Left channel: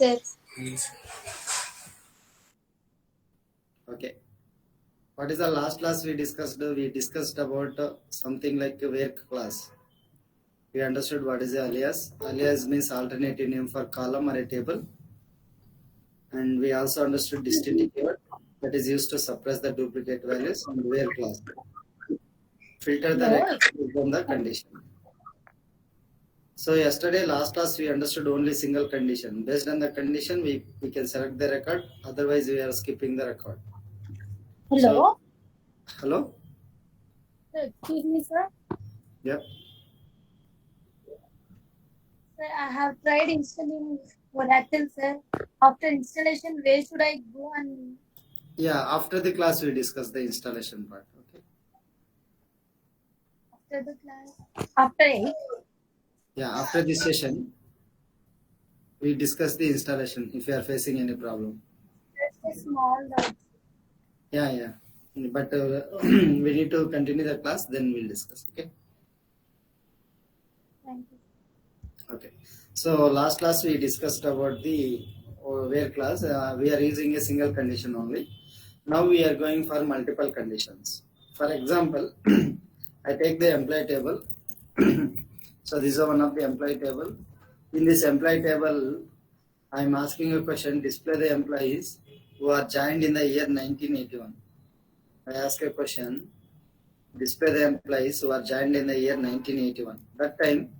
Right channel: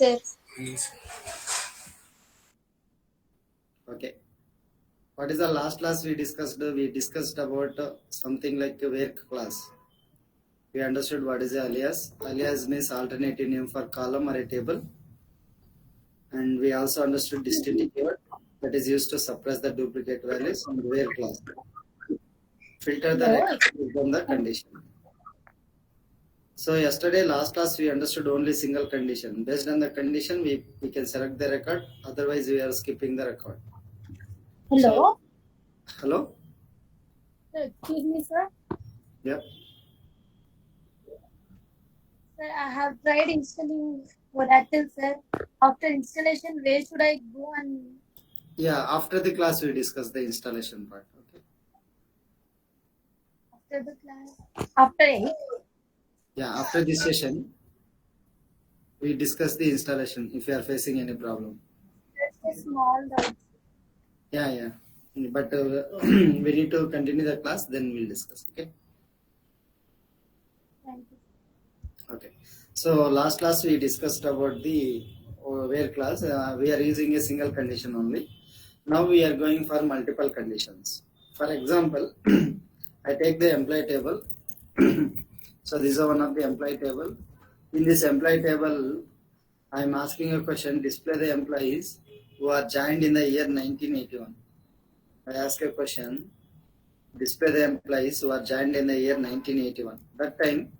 Yes. Okay. What is the last class we discussed? We discussed about something like a where class. We understood what is the alias. Alias means alternative name for column or a table. And we also understood distinct keyword that is used to suppress the duplicate values and where class. Filter the No. record based on the condition. So yesterday, last class, we understood only single condition. Based on the condition, we can select the record. Otherwise, we are skipping the record. So, Hello. hello? Excuse me, sir. Yeah. Sir, I have tried installing Volatile, sir. After installation, where should I go and Yeah, after the class, we discuss the installation part. Okay. after the class? After 8? Yeah, after this session, we discuss the installation if you are facing any problem. That's a small doubt. Yeah, yeah. But we need to continue the class, then we'll discuss. Okay. Thank you. Okay. So last class we discussed about the where class. We are using a single condition only. Now we are going for multiple conditions. For example, I take the employee table. So this is one of the employee table. In this employee table, I am asking a question. Display the employees who are joined in the year 1981. I ask a question. Display the employees who are joined in the year 1981. That time,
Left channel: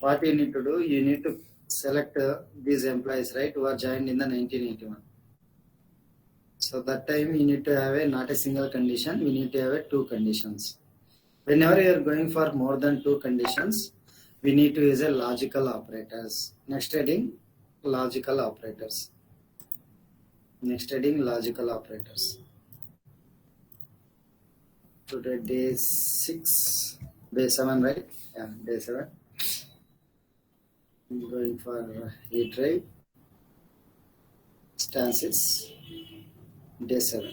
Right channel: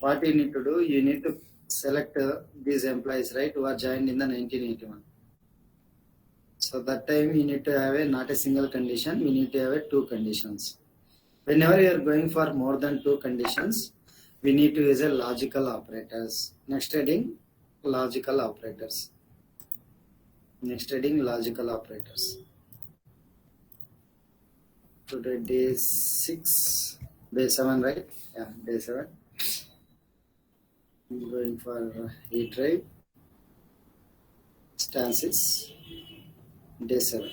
what you need to do, you need to select these employees, right, who are joined in the 1981. So that time you need to have a not a single condition, we need to have a two conditions. Whenever you are going for more than two conditions, we need to use a logical operators. Next heading, logical operators. Next heading, logical operators. Today day 6, day 7, right? Yeah, day 7. I'm going for A drive, stances, day 7.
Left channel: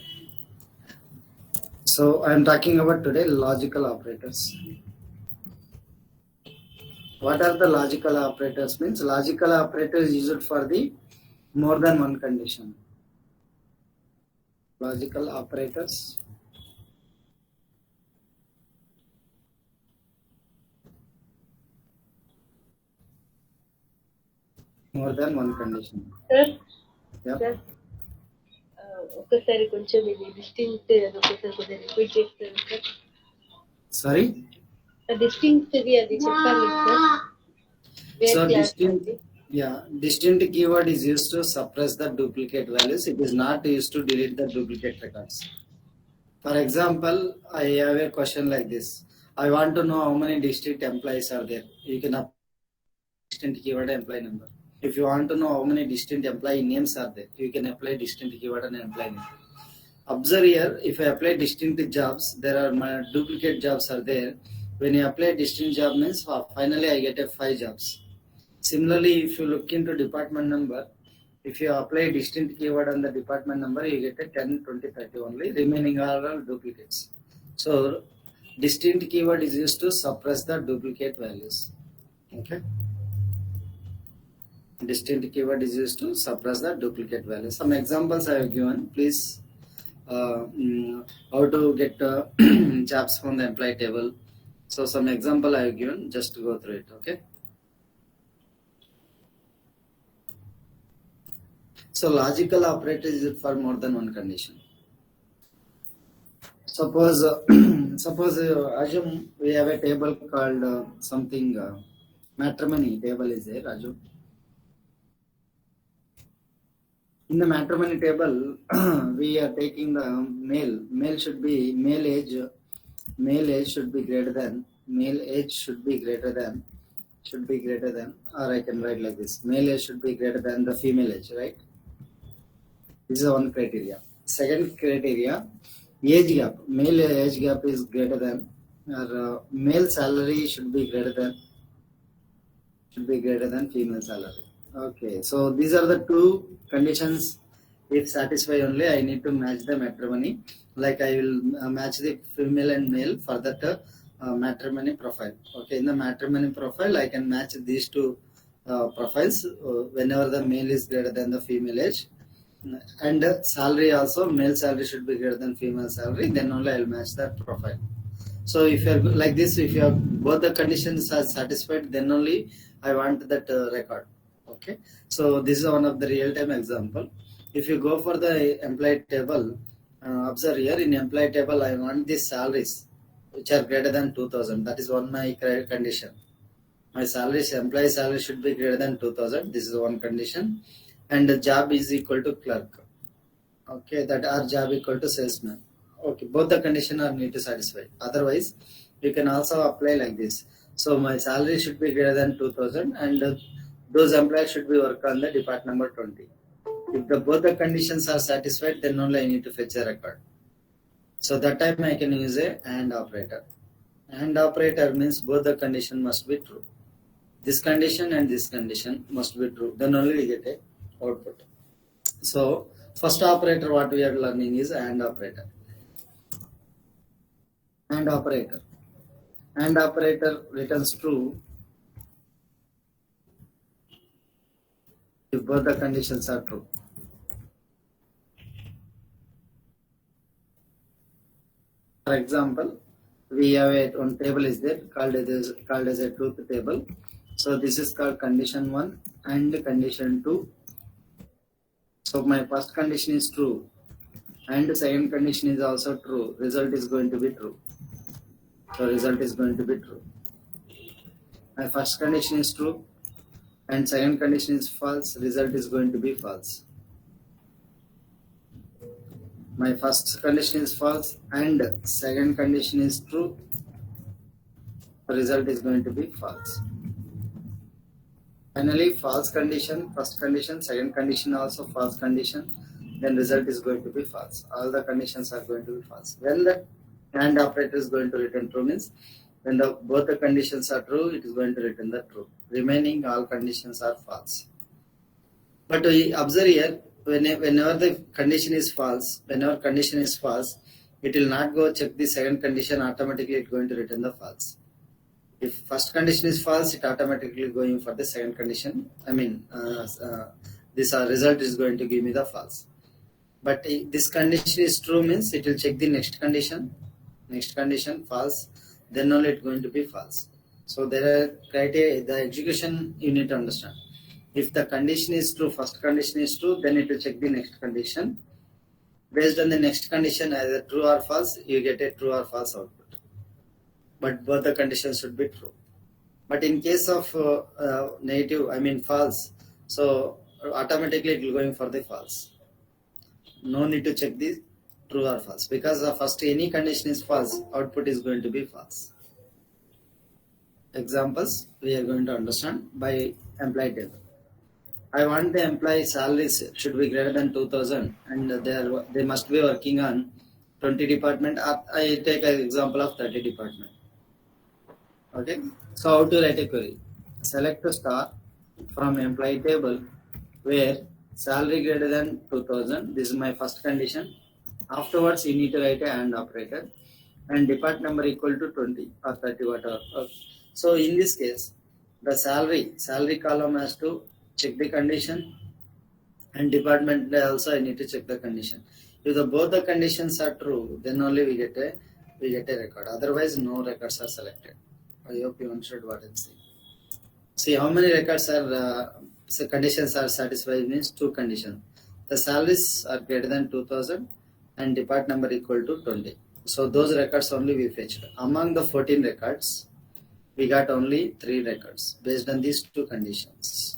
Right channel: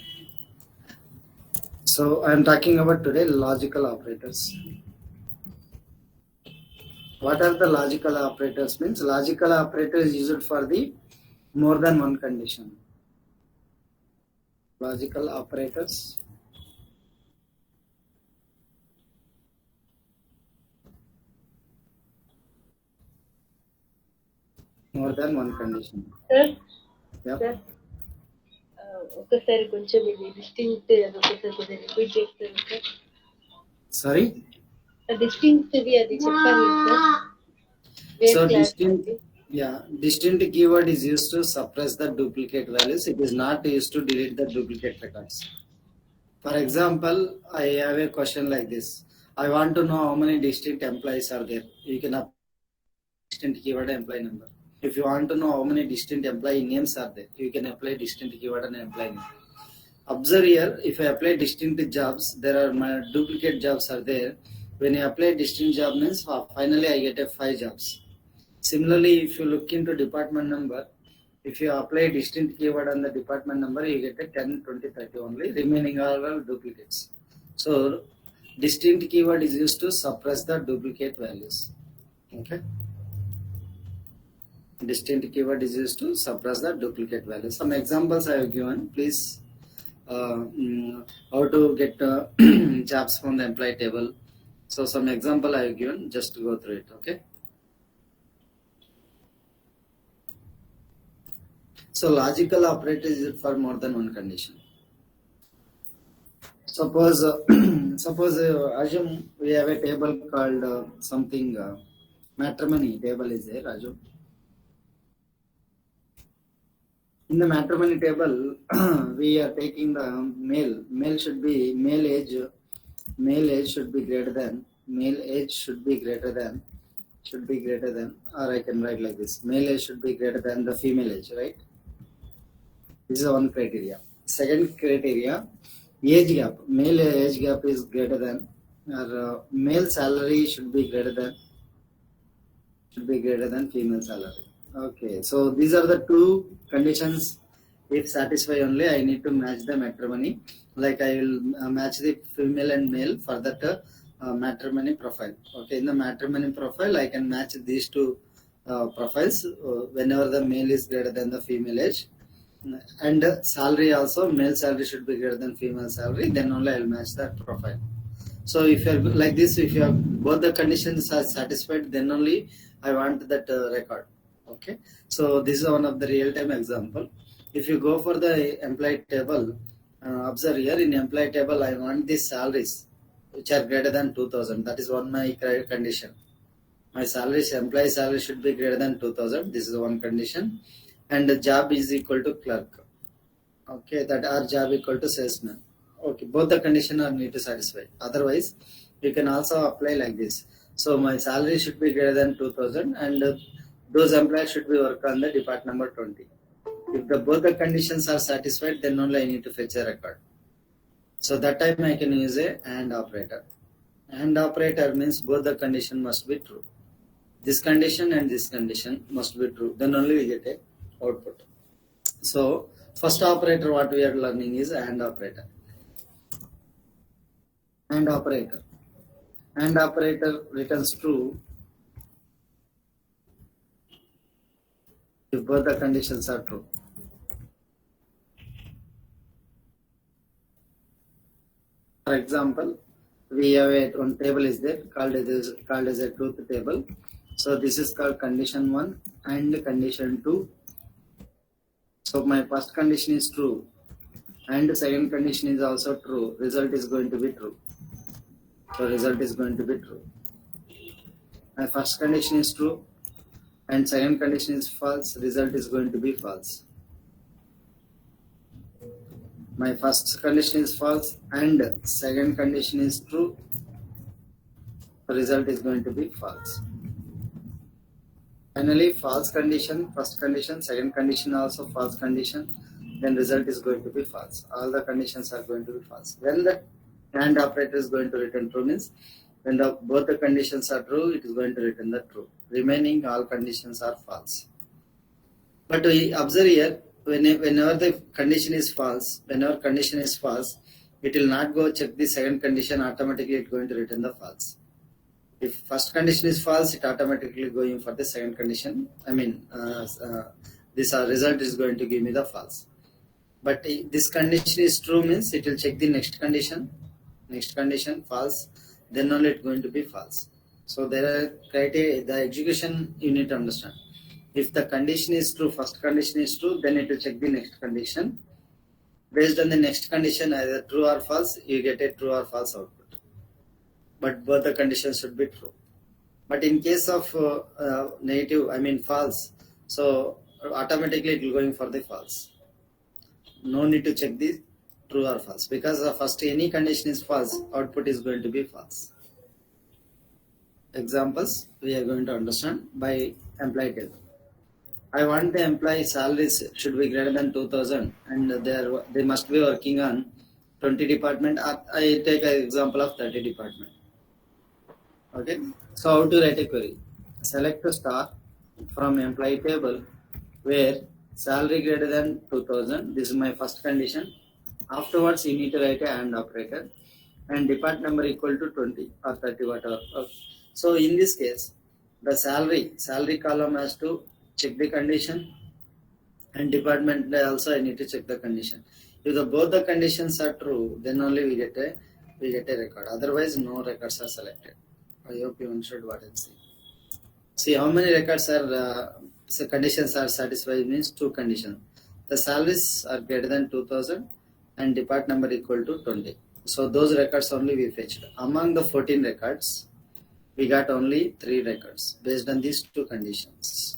So I am talking about today logical operators. What are the logical operators? Means logical operators used for the more than one condition. Logical operators more than one condition. Sir Yep. Sir ఒక్కసారి కొంచెం ఇది distinct అది ఒక్కసారి కొద్దిగా repeat చేస్తారు sir Sorry. Distinct ఇది అది చెప్పాలి sir where So class distinct, అది yeah, distinct keyword is used to suppress the duplicate values. It is not used to delete the duplicate records. For example, I have a question like this. I want to know how many distinct employees are there. You can apply distinct keyword employee number. If you want to know how many distinct employee names are there, you can apply distinct keyword and employee name. Observe here, if I apply distinct jobs, there are my duplicate jobs are there. When you apply distinct job means finally I get a 5 jobs. Similarly, if you look into department number, if you apply distinct keyword on the department number, you get a 10, 20, 30 only. Remaining are all duplicates. So distinct keyword is used to suppress the duplicate values. Okay. Distinct keyword is used to suppress the duplicate values. Some examples I have given. Please, how to get jobs from the employee table. So some example I have given. Just go through it. Okay. So logical operator is for more than one condition. Suppose, assume we have a table called something matrimony table is there, Raju. In the matrimony table, we are taking the male. Male should be male age. Male age should be greater than. Male age should be greater than. Should be greater than. Or I can write like this. Male age should be greater than the female age, right? This is one criteria. Second criteria, age gap. Male age gap is greater than, or male salary should be greater than female salary. Okay, so these are the two conditions. If satisfy only, I need to match the matrimony. Like I will match the female and male for that matrimony profile. Okay, in the matrimony profile, I can match these two profiles whenever the male is greater than the female age, and salary also, male salary should be greater than female salary, then only I'll match that profile. So if you're like this, if you have both the conditions are satisfied, then only I want that record. Okay, so this is one of the real-time example. If you go for the employee table, observe here in employee table, I want the salaries which are greater than 2000. That is one my condition. My salary, employee salary should be greater than 2000. This is one condition, and the job is equal to clerk. Okay, that our job equal to salesman. Okay, both the condition are need to satisfy. Otherwise, you can also apply like this. So my salary should be greater than 2000, and those employees should be work on the depart number 20. If the both the conditions are satisfied, then only I need to fetch a record. So that time I can use a AND operator. AND operator means both the condition must be true. This condition and this condition must be true. Then only we get a output. So first operator what we are learning is AND operator. AND operator. AND operator returns true if both the conditions are true. For example, we have one table is there called as a truth table. So this is called condition 1 and condition 2. So my first condition is true and second condition is also true. Result is going to be true. So result is going to be true. My first condition is true and second condition is false. Result is going to be false. My first condition is false and second condition is true. Result is going to be false. Finally, false condition, first condition, second condition also false condition, then result is going to be false. All the conditions are going to be false. When the AND operator is going to return true means when both the conditions are true, it is going to return the true. Remaining all conditions are false. But we observe here, whenever the condition is false, it will not go check the second condition, automatically it is going to return the false. If first condition is false, it automatically going for the second condition. This result is going to give me the false. But if this condition is true means it will check the next condition false, then only it's going to be false. So there are criteria, the execution you need to understand. If the condition is true, first condition is true, then it will check the next condition. Based on the next condition, either true or false, you get a true or false output. But both the conditions should be true. But in case of false, so automatically it will going for the false. No need to check the true or false, because the first any condition is false, output is going to be false. Examples we are going to understand by employee table. I want the employee salaries should be greater than 2000 and they must be working on 20 department. I take an example of 30 department. Okay, so how to write a query? Select a star from employee table where salary greater than 2000. This is my first condition. Afterwards, you need to write a AND operator and depart number equal to 20 or 30 whatever. Okay. So in this case, the salary column has to check the condition and department also I need to check the condition. If both the conditions are true, then only we get a record. Otherwise, no records are selected. I hope you understood what I'm saying. See how many records are conditions are satisfied means two conditions. The salaries are greater than 2000 and depart number equal to 20. So those records only we fetched. Among the 14 records, we got only 3 records based on these two conditions.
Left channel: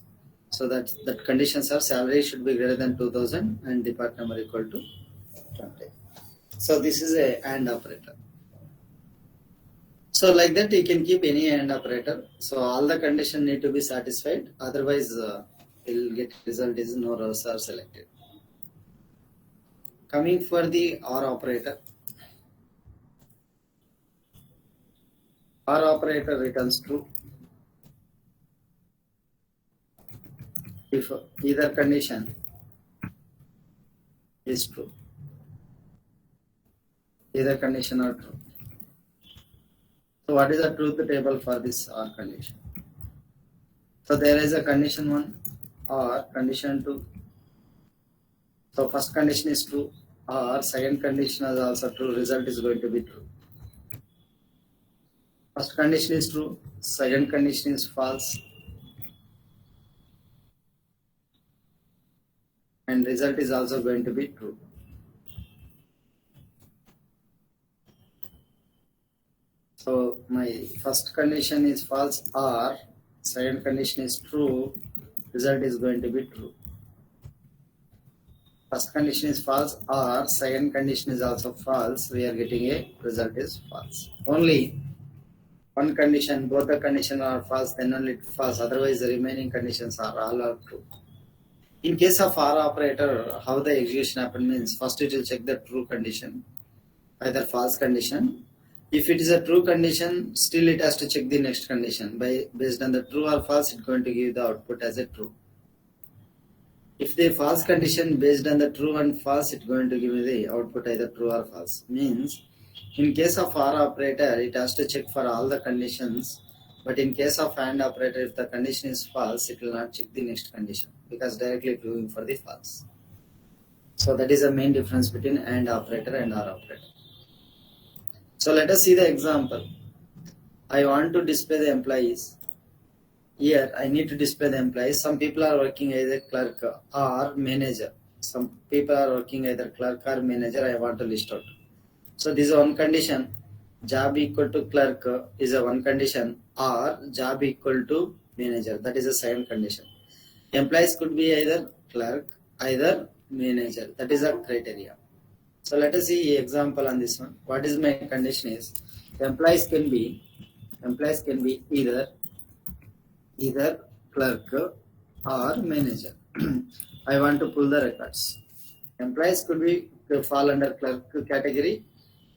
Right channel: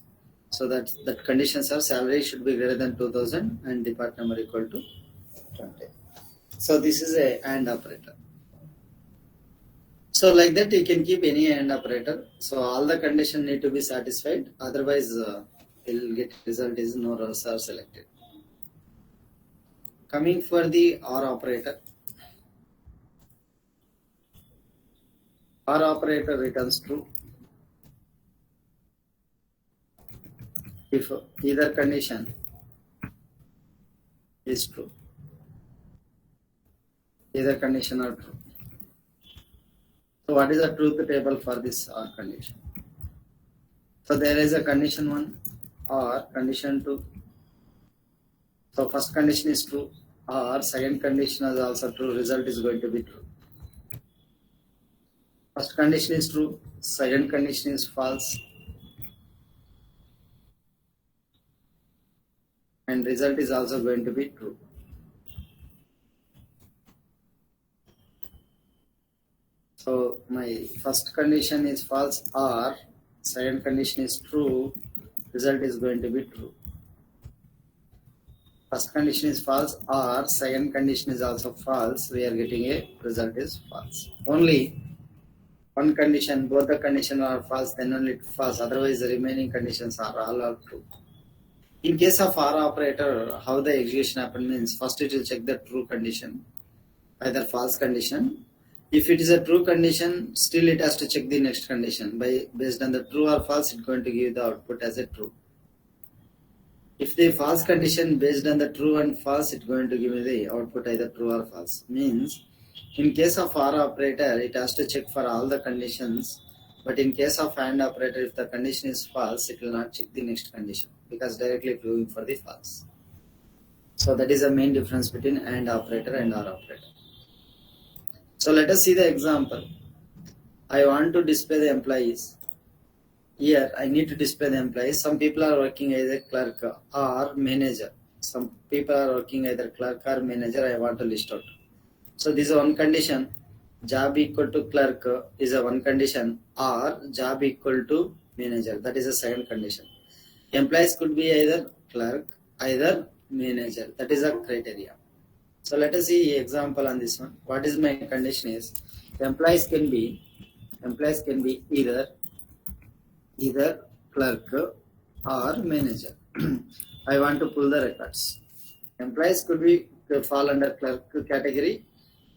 So that conditions are salary should be greater than 2000 and depart number equal to 20. So this is a AND operator. So like that you can keep any AND operator. So all the conditions need to be satisfied. Otherwise, we'll get result is no rows are selected. Coming for the OR operator. OR operator returns true if either condition is true. Either condition are true. So what is the truth table for this OR condition? So there is a condition 1 or condition 2. So first condition is true or second condition is also true, result is going to be true. First condition is true, second condition is false, and result is also going to be true. So my first condition is false or second condition is true, result is going to be true. First condition is false or second condition is also false, we are getting a result is false. Only one condition, both the conditions are false, then only it false, otherwise the remaining conditions are all are true. In case of OR operator, how the execution happen means first it will check the true condition, either false condition. If it is a true condition, still it has to check the next condition. Based on the true or false, it's going to give the output as a true. If the false condition based on the true and false, it's going to give the output either true or false. Means in case of OR operator, it has to check for all the conditions. But in case of AND operator, if the condition is false, it will not check the next condition because directly proving for the false. So that is the main difference between AND operator and OR operator. So let us see the example. I want to display the employees. Here I need to display the employees. Some people are working as a clerk or manager. Some people are working either clerk or manager. I want to list out. So this is one condition. Job equal to clerk is a one condition, or job equal to manager. That is a second condition. Employees could be either clerk, either manager. That is a criteria. So let us see example on this one. What is my condition is employees can be either clerk or manager. I want to pull the records. Employees could be fall under clerk category,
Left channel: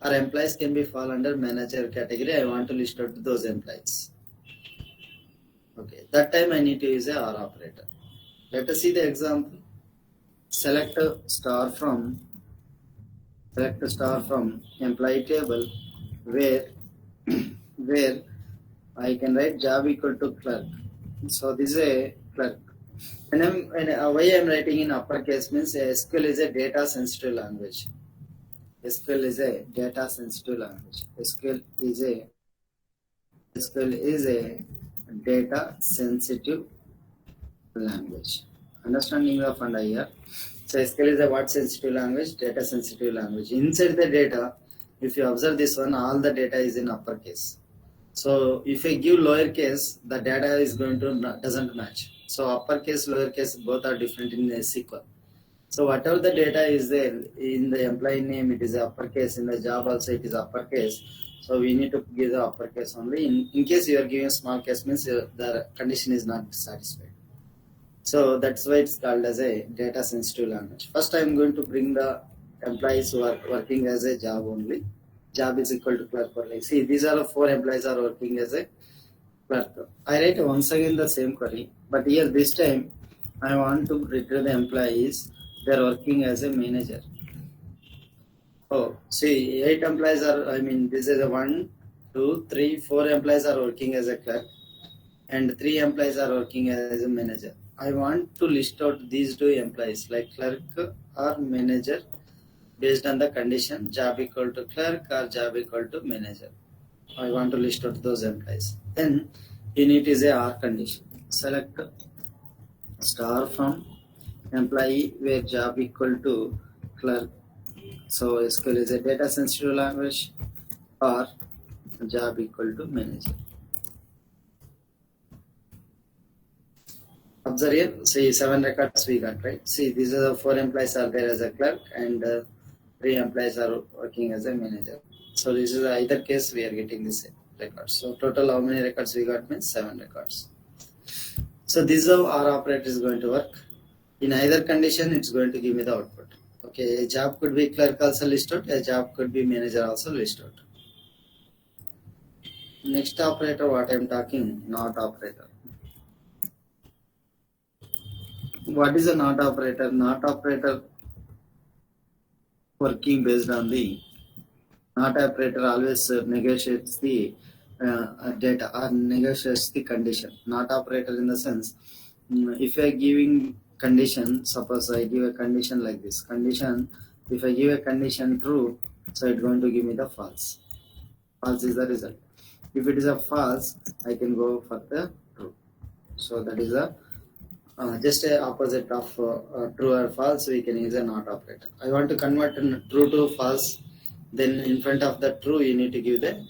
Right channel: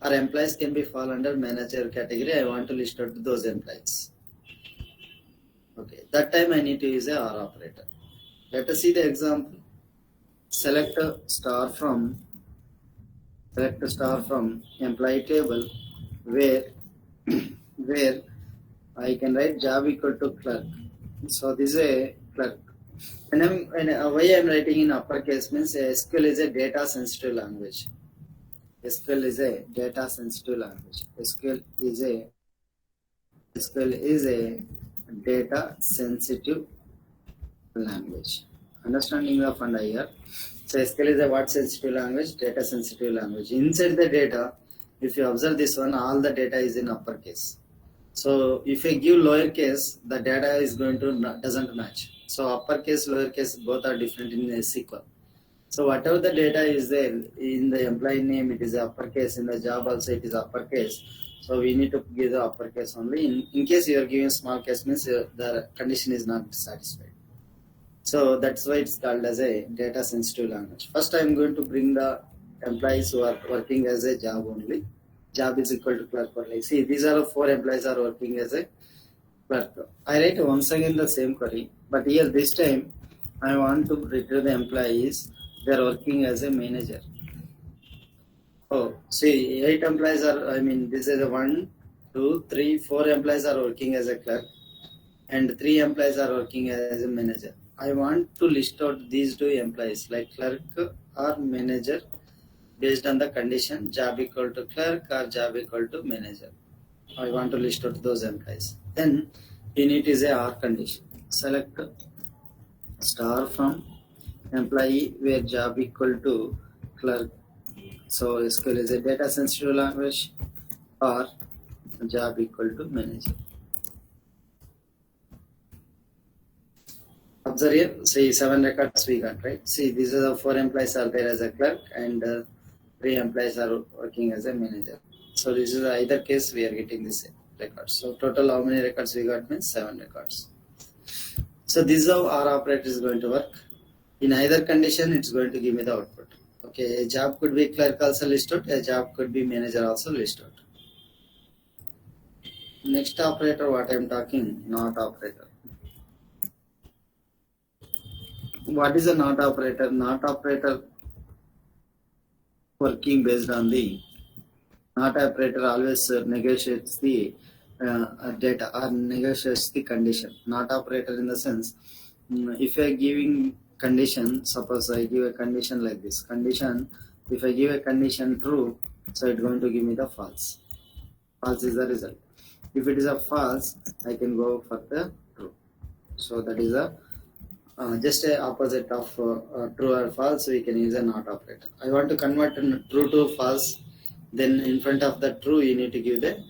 or employees can be fall under manager category. I want to list out those employees. Okay, that time I need to use a OR operator. Let us see the example. Select a star from employee table where where I can write job equal to clerk. So this is a clerk. Why I am writing in uppercase means SQL is a data sensitive language. SQL is a data sensitive language. SQL is a data sensitive language. Understanding the funda here. So SQL is a what sensitive language? Data sensitive language. Inside the data, if you observe this one, all the data is in uppercase. So if I give lowercase, the data is going to doesn't match. So uppercase, lowercase, both are different in SQL. So whatever the data is there in the employee name, it is uppercase. In the job also, it is uppercase. So we need to give the uppercase only. In case you are giving small case, means the condition is not satisfied. So that's why it's called as a data sensitive language. First, I am going to bring the employees who are working as a job only. Job is equal to clerk only. See, these are the 4 employees are working as a clerk. I write once again the same query, but here this time I want to retrieve the employees. They are working as a manager. Oh, see, 8 employees are. This is a 1, 2, 3, 4 employees are working as a clerk, and 3 employees are working as a manager. I want to list out these 2 employees like clerk or manager based on the condition job equal to clerk or job equal to manager. I want to list out those employees. Then in it is a OR condition. Select star from employee where job equal to clerk. So SQL is a data sensitive language, or job equal to manager. Observe here, see 7 records we got, right? See, these are the 4 employees are there as a clerk, and 3 employees are working as a manager. So this is either case we are getting this records. So total how many records we got means 7 records. So this is how our operator is going to work. In either condition, it's going to give me the output. Okay, a job could be clerk also listed, a job could be manager also listed. Next operator, what I am talking, not operator. What is a not operator? Not operator working based on the not operator always negotiates the data or negotiates the condition. Not operator in the sense, if I giving condition, suppose I give a condition like this condition, if I give a condition true, so it's going to give me the false. False is the result. If it is a false, I can go for the true. So that is a just a opposite of true or false. We can use a not operator. I want to convert true to false, then in front of the true you need to give the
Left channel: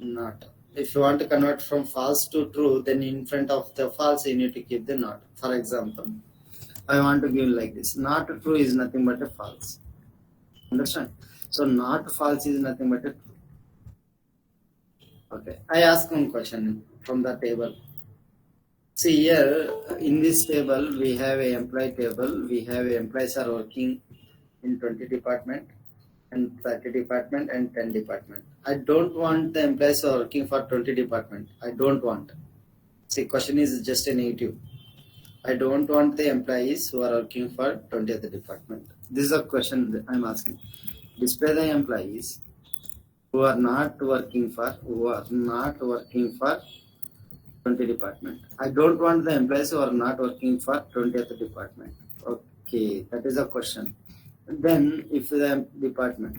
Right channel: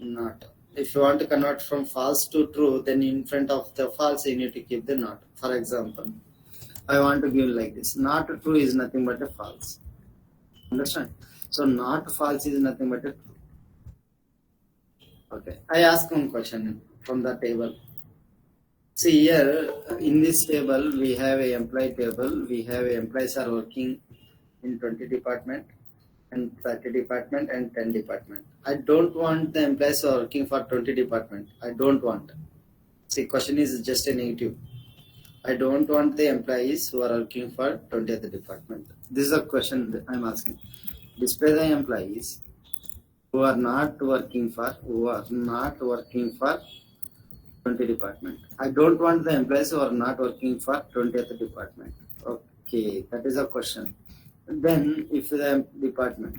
not. If you want to convert from false to true, then in front of the false you need to keep the not. For example, I want to give like this: not true is nothing but a false. Understand? So not false is nothing but a true. Okay, I ask one question from the table. See here in this table we have a employee table. We have employees are working in 20 department and 30 department and 10 department. I don't want the employees who are working for 20 department. I don't want. See, question is just a negative. I don't want the employees who are working for 20th department. This is a question that I'm asking. Display the employees who are not working for 20 department. I don't want the employees who are not working for 20th department. Okay, that is a question. Then if the department,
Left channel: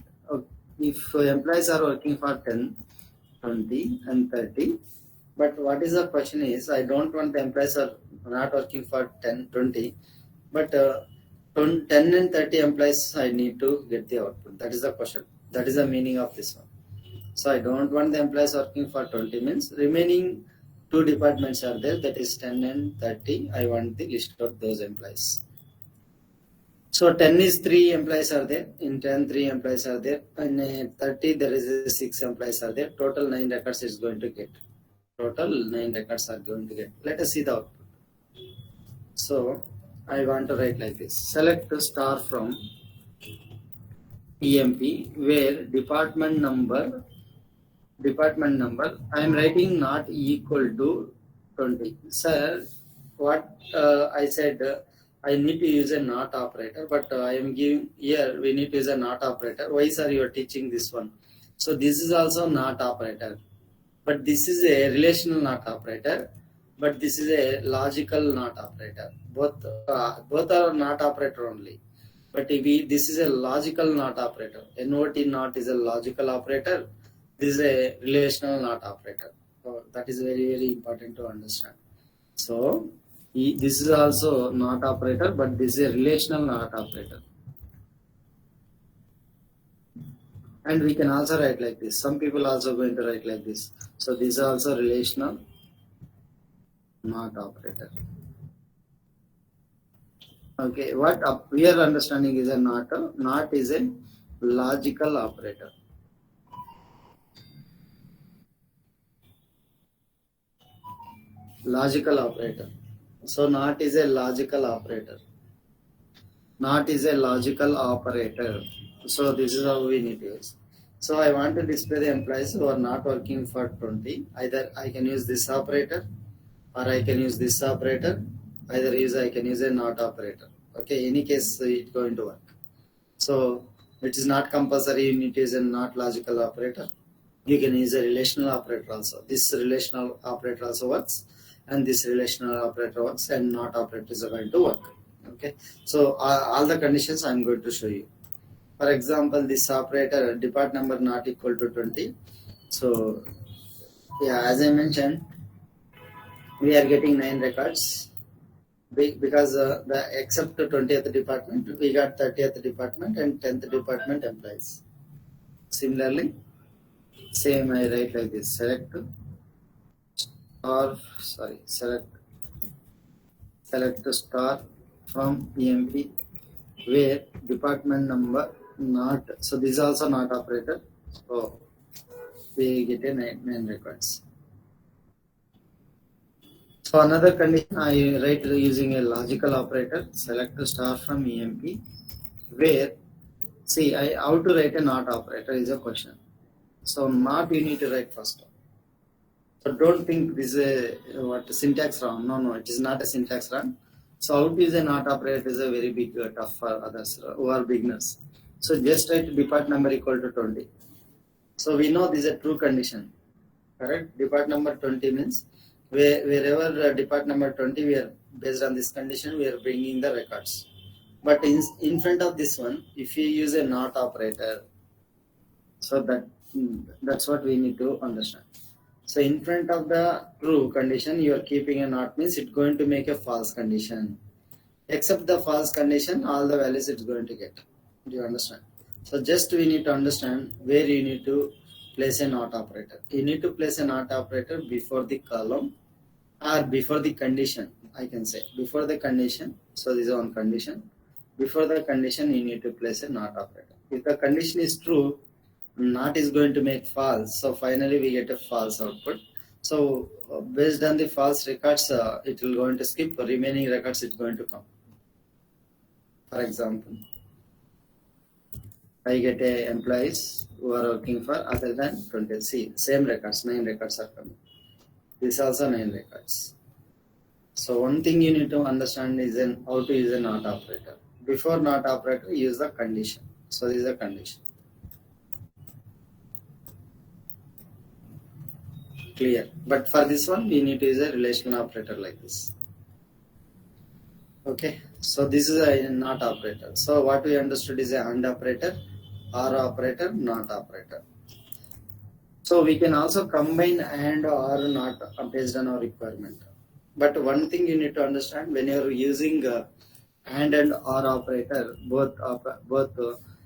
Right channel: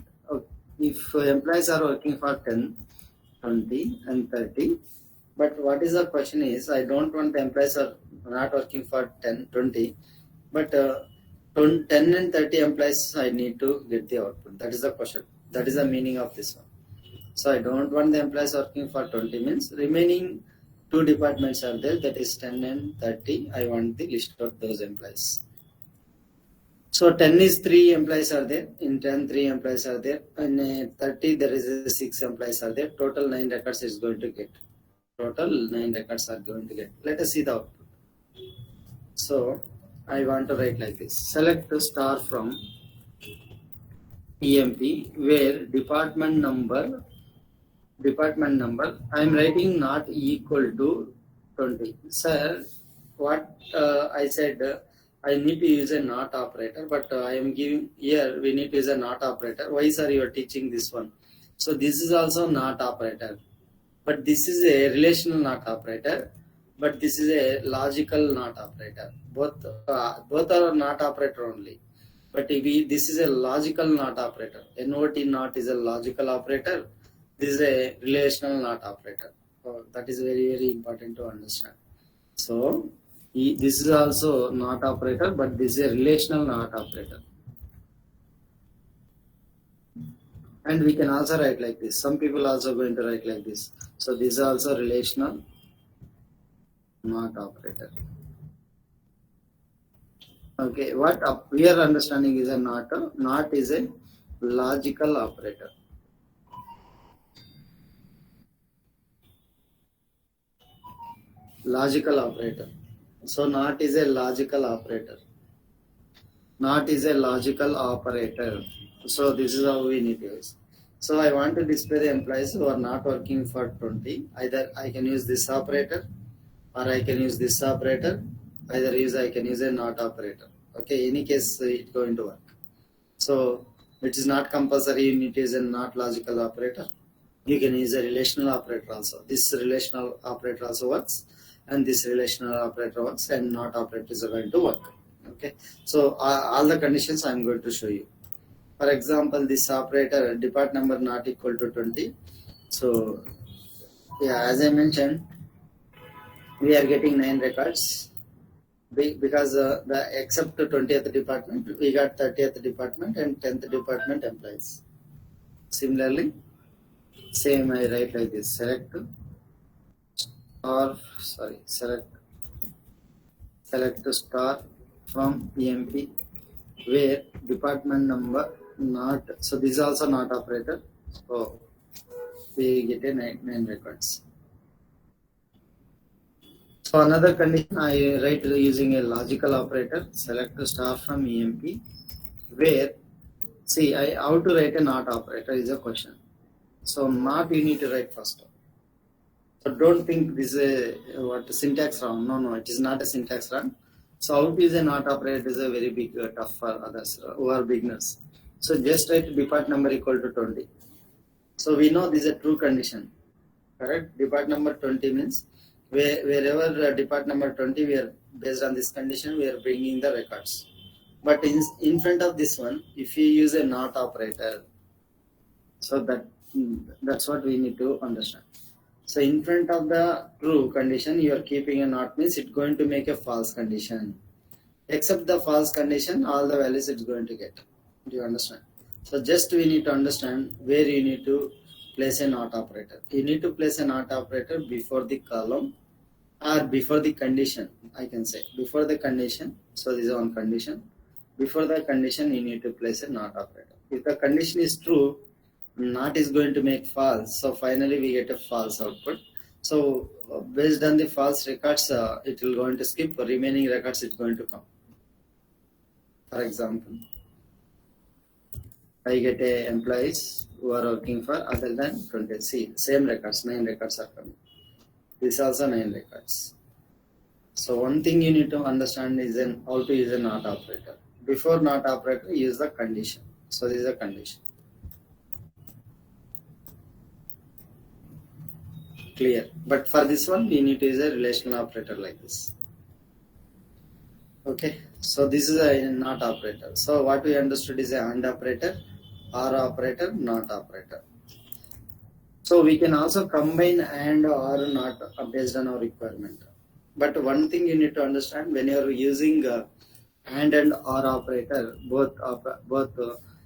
if employees are working for 10, 20 and 30, but what is the question is, I don't want the employees are not working for 10, 20, but 10 and 30 employees I need to get the output. That is the question. That is the meaning of this one. So I don't want the employees working for 20 means remaining two departments are there, that is 10 and 30. I want the list of those employees. So 10 is 3 employees are there. In 10, 3 employees are there. In 30, there is 6 employees are there. Total 9 records is going to get. Total 9 records are going to get. Let us see the output. So I want to write like this. Select star from EMP where department number I am writing not equal to 20. Sir, what I said, I need to use a not operator, but I am giving here we need to use a not operator. Why, sir, you are teaching this one? So this is also not operator, but this is a relational not operator, but this is a logical not operator. Both are not operator only, but this is a logical not operator. NOT not is a logical operator. This is a relational not operator. So that is very, very important to understand. So this is also not operator, but this is a relational not operator. And we can also write like this. Some people also going to write like this. So this is also relational not operator. Okay, what we are understanding is a not is a logical operator. Logical operator. So not is a logical operator. Not is a logical operator. So this is how we need to use. So I want to display the employees who are not working for 20. Either I can use this operator or I can use this operator. I can use a not operator. Okay, any case it's going to work. So it is not compulsory you need to use a not logical operator. You can use a relational operator also. This relational operator also works, and this relational operator works, and not operators are going to work. Okay, so all the conditions I am going to show you. For example, this operator depart number not equal to 20. So yeah, as I mentioned, we are getting 9 records because the except 20th department we got 30th department and 10th department employees. Similarly, same I write like this: select star from EMP where department number not, so this is also not operator, so we get a 9 records. So another condition I write using a logical operator, select star from EMP where, see, how to write a not operator is a question. So not you need to write first. So don't think this is a syntax wrong. No, it is not a syntax wrong. So how to use a not operator is a very big tough for others who are beginners. So just write depart number equal to 20. So we know this is a true condition. correct? Depart number 20 means wherever depart number 20, we are based on this condition, we are bringing the records. But in front of this one, if you use a not operator, so that's what we need to understand. So in front of the true condition, you are keeping a not means it's going to make a false condition. Except the false condition, all the values it's going to get. Do you understand? So just we need to understand where you need to place a not operator. You need to place a not operator before the column or before the condition. I can say before the condition. So this is one condition. Before the condition, you need to place a not operator. If the condition is true, not is going to make false. So finally we get a false output. So based on the false records, it will going to skip. Remaining records it's going to come. For example, I get a employees who are working for other than 20. See, same records, 9 records are coming. This also 9 records. So one thing you need to understand is how to use a not operator. Before not operator, use the condition. So this is a condition. Clear. But for this one, we need to use a relational operator like this. Okay. So this is a not operator. So what we understood is a and operator, or operator, not operator. So we can also combine and or not based on our requirement. But one thing you need to understand, when you are using and or operator,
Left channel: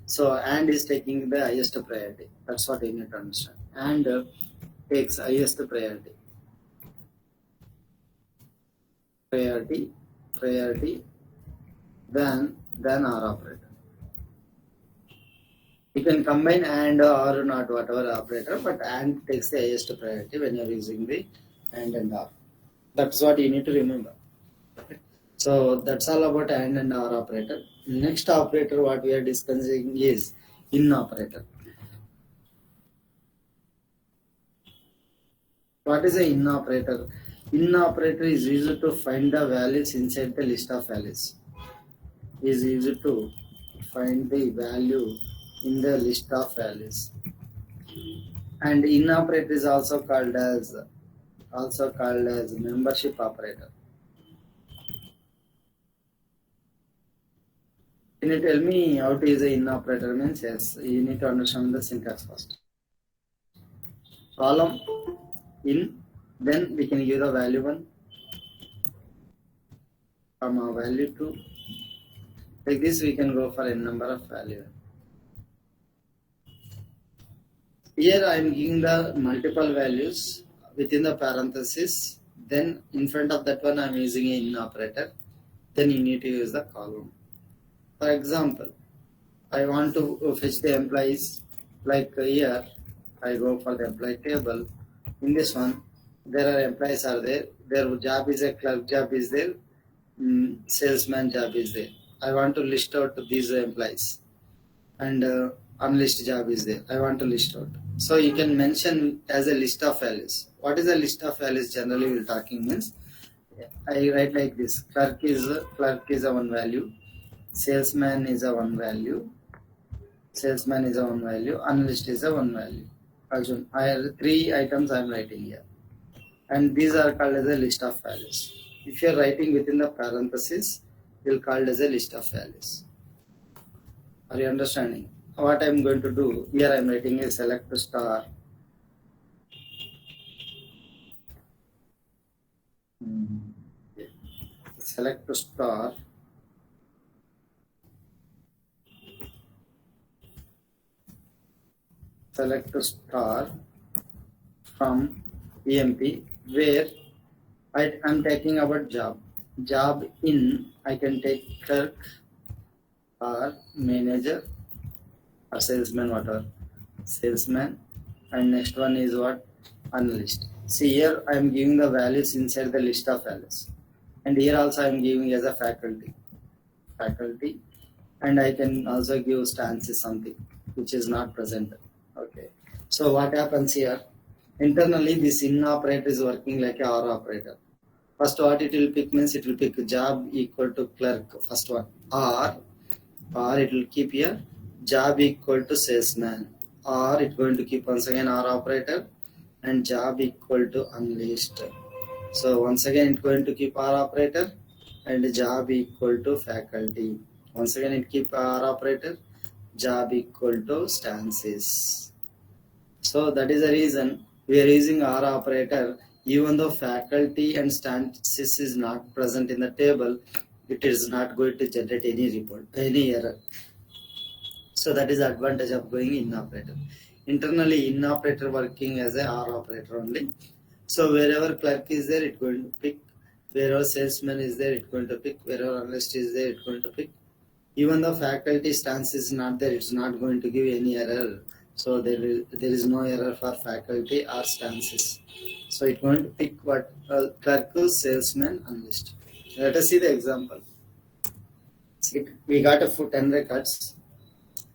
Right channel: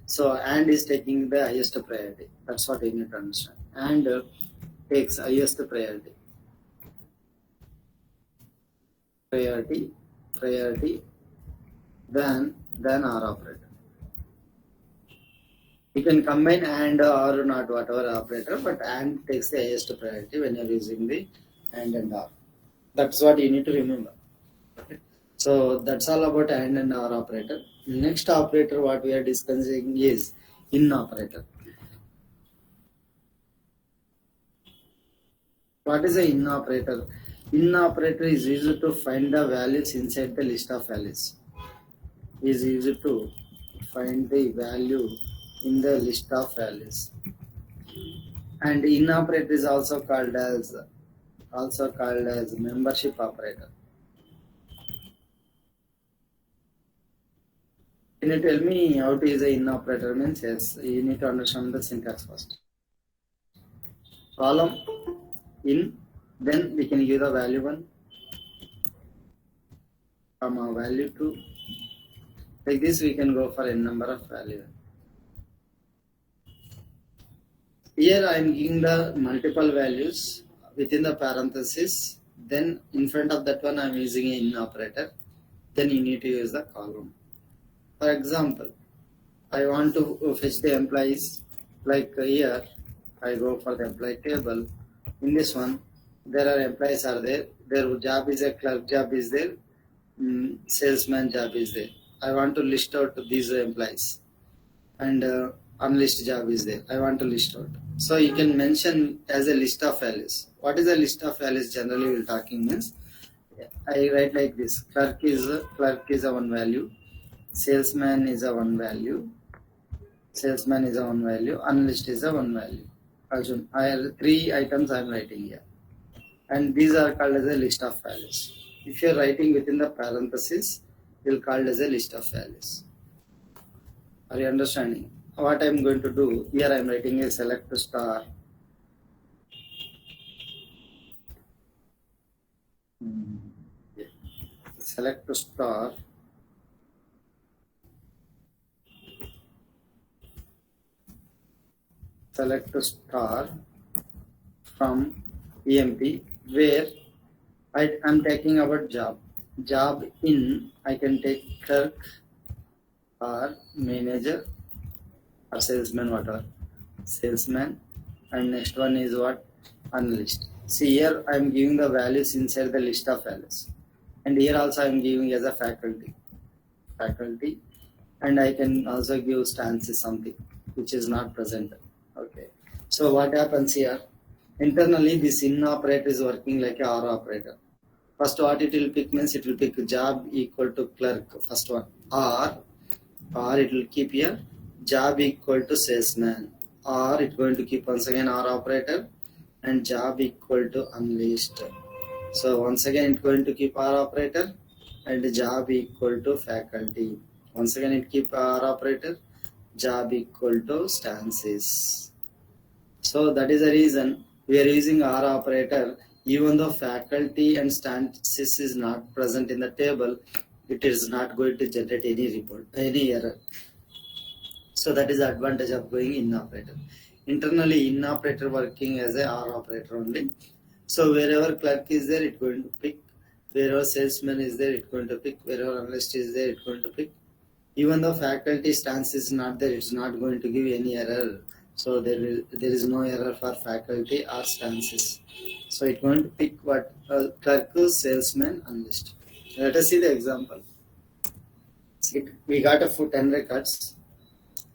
so and is taking the highest priority. That's what you need to understand. And takes highest priority than or operator. You can combine and or not whatever operator, but and takes the highest priority when you are using the and or. That's what you need to remember. So that's all about and or operator. Next operator what we are discussing is in operator. What is a in operator? In operator is used to find the values inside the list of values. Is used to find the value in the list of values. And in operator is also called as membership operator. Can you tell me how to use a in operator means? Yes, you need to understand the syntax first. Column in, then we can use the value 1, comma value 2. Like this we can go for a number of value. Here I am giving the multiple values within the parenthesis. Then in front of that one I am using an in operator. Then you need to use the column. For example, I want to fetch the employees. Like here, I go for the employee table. In this one, there are employees are there. Their job is a clerk job is there. Salesman job is there. I want to list out these employees, and unlist job is there. I want to list out. So you can mention as a list of values. What is a list of values? Generally, we're talking means I write like this: clerk is a one value, salesman is a one value, analyst is a one value. Assume I have 3 items I am writing here, and these are called as a list of values. If you are writing within the parenthesis, it will called as a list of values. Are you understanding? What I am going to do here? I am writing a select star. Select star from EMP, where I am taking about job. Job in, I can take clerk or manager or salesman, whatever. Salesman, and next one is what? Analyst. See here I am giving the values inside the list of values, and here also I am giving as a faculty, and I can also give stances something which is not present. Okay. So what happens here? Internally, this in operator is working like a or operator. First, what it will pick means it will pick job equal to clerk. First one, or it will keep here job equal to salesman, or it going to keep once again or operator, and job equal to unleashed. So once again it's going to keep R operator and job equal to faculty. Once again it keep R operator, job equal to stances. So that is the reason we are using R operator. Even though faculty and stances is not present in the table, it is not going to generate any report, any error. So that is the advantage of going in operator. Internally in operator working as a R operator only. So wherever clerk is there, it's going to pick. Wherever salesman is there, it's going to pick. Wherever analyst is there, it's going to pick. Even though faculty stance is not there, it's not going to give any error. So there is no error for faculty or stances. So it's going to pick what clerk, salesman, analyst. Let us see the example. We got a 10 records.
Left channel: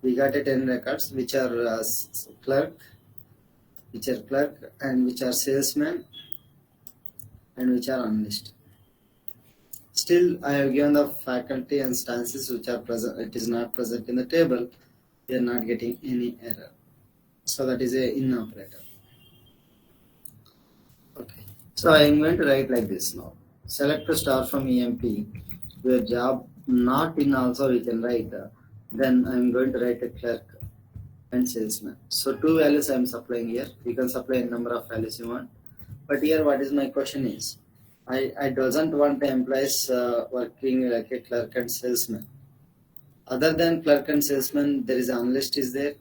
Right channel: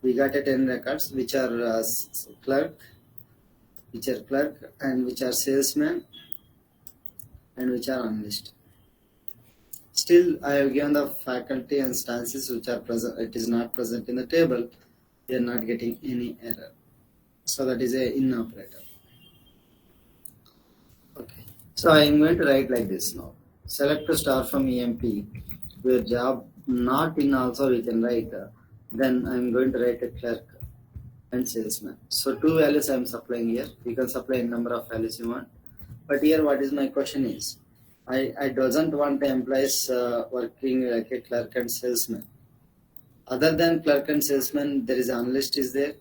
We got a 10 records which are clerk, and which are salesman and which are analyst. Still, I have given the faculty and stances which are present. It is not present in the table. We are not getting any error. So that is a in operator. Okay. So I am going to write like this now. Select a star from EMP. Where job not in also we can write. Then I am going to write a clerk and salesman. So two values I am supplying here. You can supply a number of values you want. But here what is my question is, I doesn't want the employees working like a clerk and salesman. Other than clerk and salesman, there is analyst is there,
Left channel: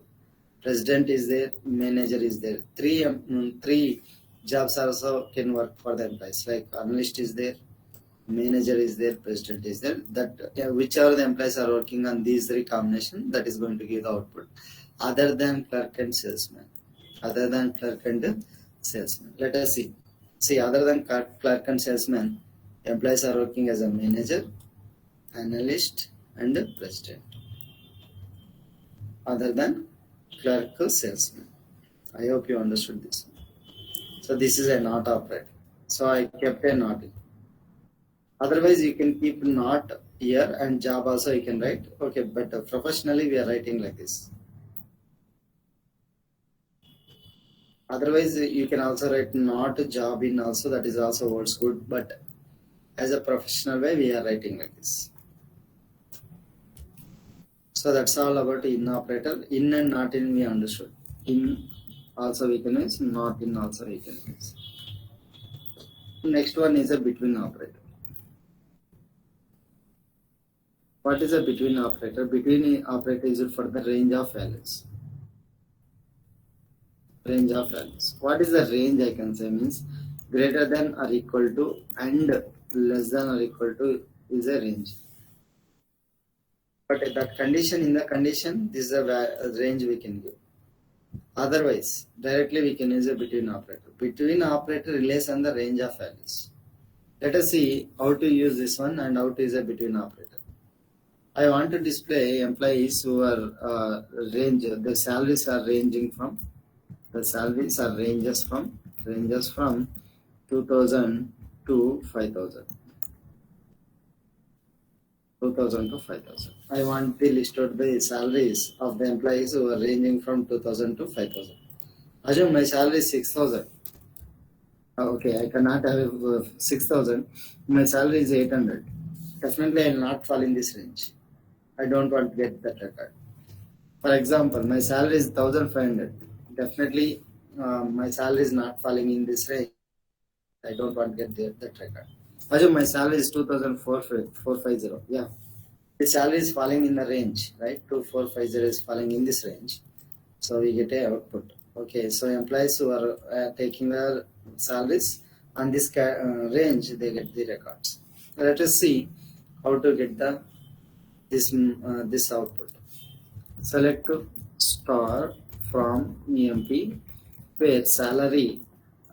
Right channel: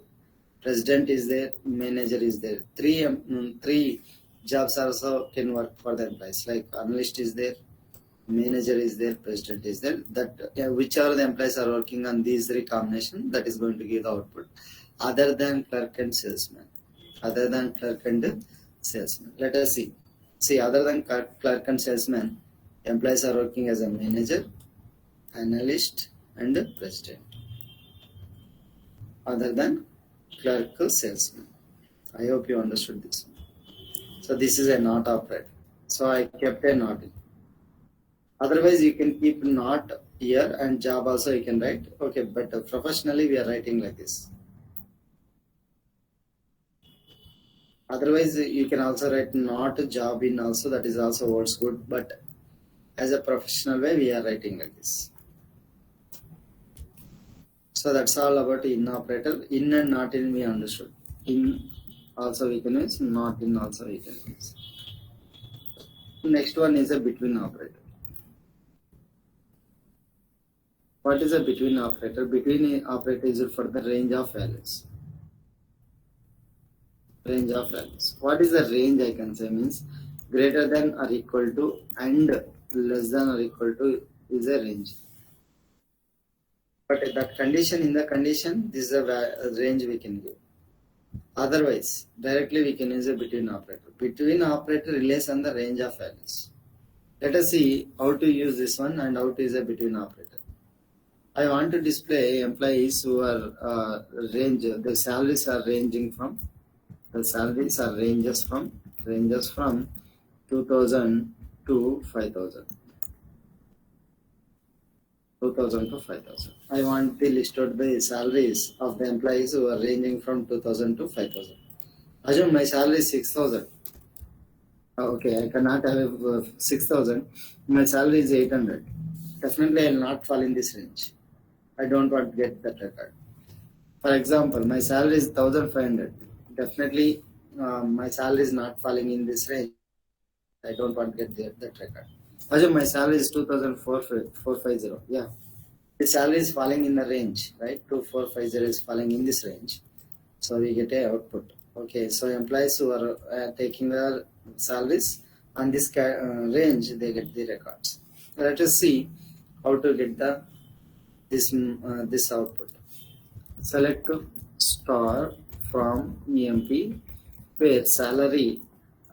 president is there, manager is there. Three jobs also can work for the employees. Like analyst is there, manager is there, president is there. That whichever the employees are working on these three combination, that is going to give the output. Other than clerk and salesman. Other than clerk and salesman. Let us see. See, other than clerk and salesman, employees are working as a manager, analyst, and president. Other than clerk, salesman. I hope you understood this. So this is a not operator. So I kept a not in. Otherwise, you can keep not here and job also you can write. Okay, but professionally we are writing like this. Otherwise, you can also write not job in also. That is also works good. But as a professional way, we are writing like this. So that's all about in operator. In and not in we understood. In also we can use. Not in also we can use. Next one is a between operator. What is a between operator? Between operator is for the range of values. Range of values. What is the range? I can say means greater than or equal to and less than or equal to is a range. But that condition, in the condition, this is a range we can give. Otherwise, directly we can use a between operator. Between operator relates on the range of values. Let us see how to use this one and how to use a between operator. I want to display employees who are the salaries are ranging from, ranges from 2000 to 5000. 2000 to 5000. I want to list out the salaries of the employees who are ranging from 2000 to 5000. Assume my salary is 6000. Okay, I cannot have 6000. My salary is 800. Definitely, I will not fall in this range. I don't want to get that record. For example, my salary is 1500. Definitely, my salary is not falling in this range. I don't want to get that record. Assume my salary is 2450. Yeah. The salary is falling in the range, right? 2450 is falling in this range. So we get a output. Okay, so employees who are taking their salaries on this range, they get the records. Let us see how to get this output. Select star from EMP where salary.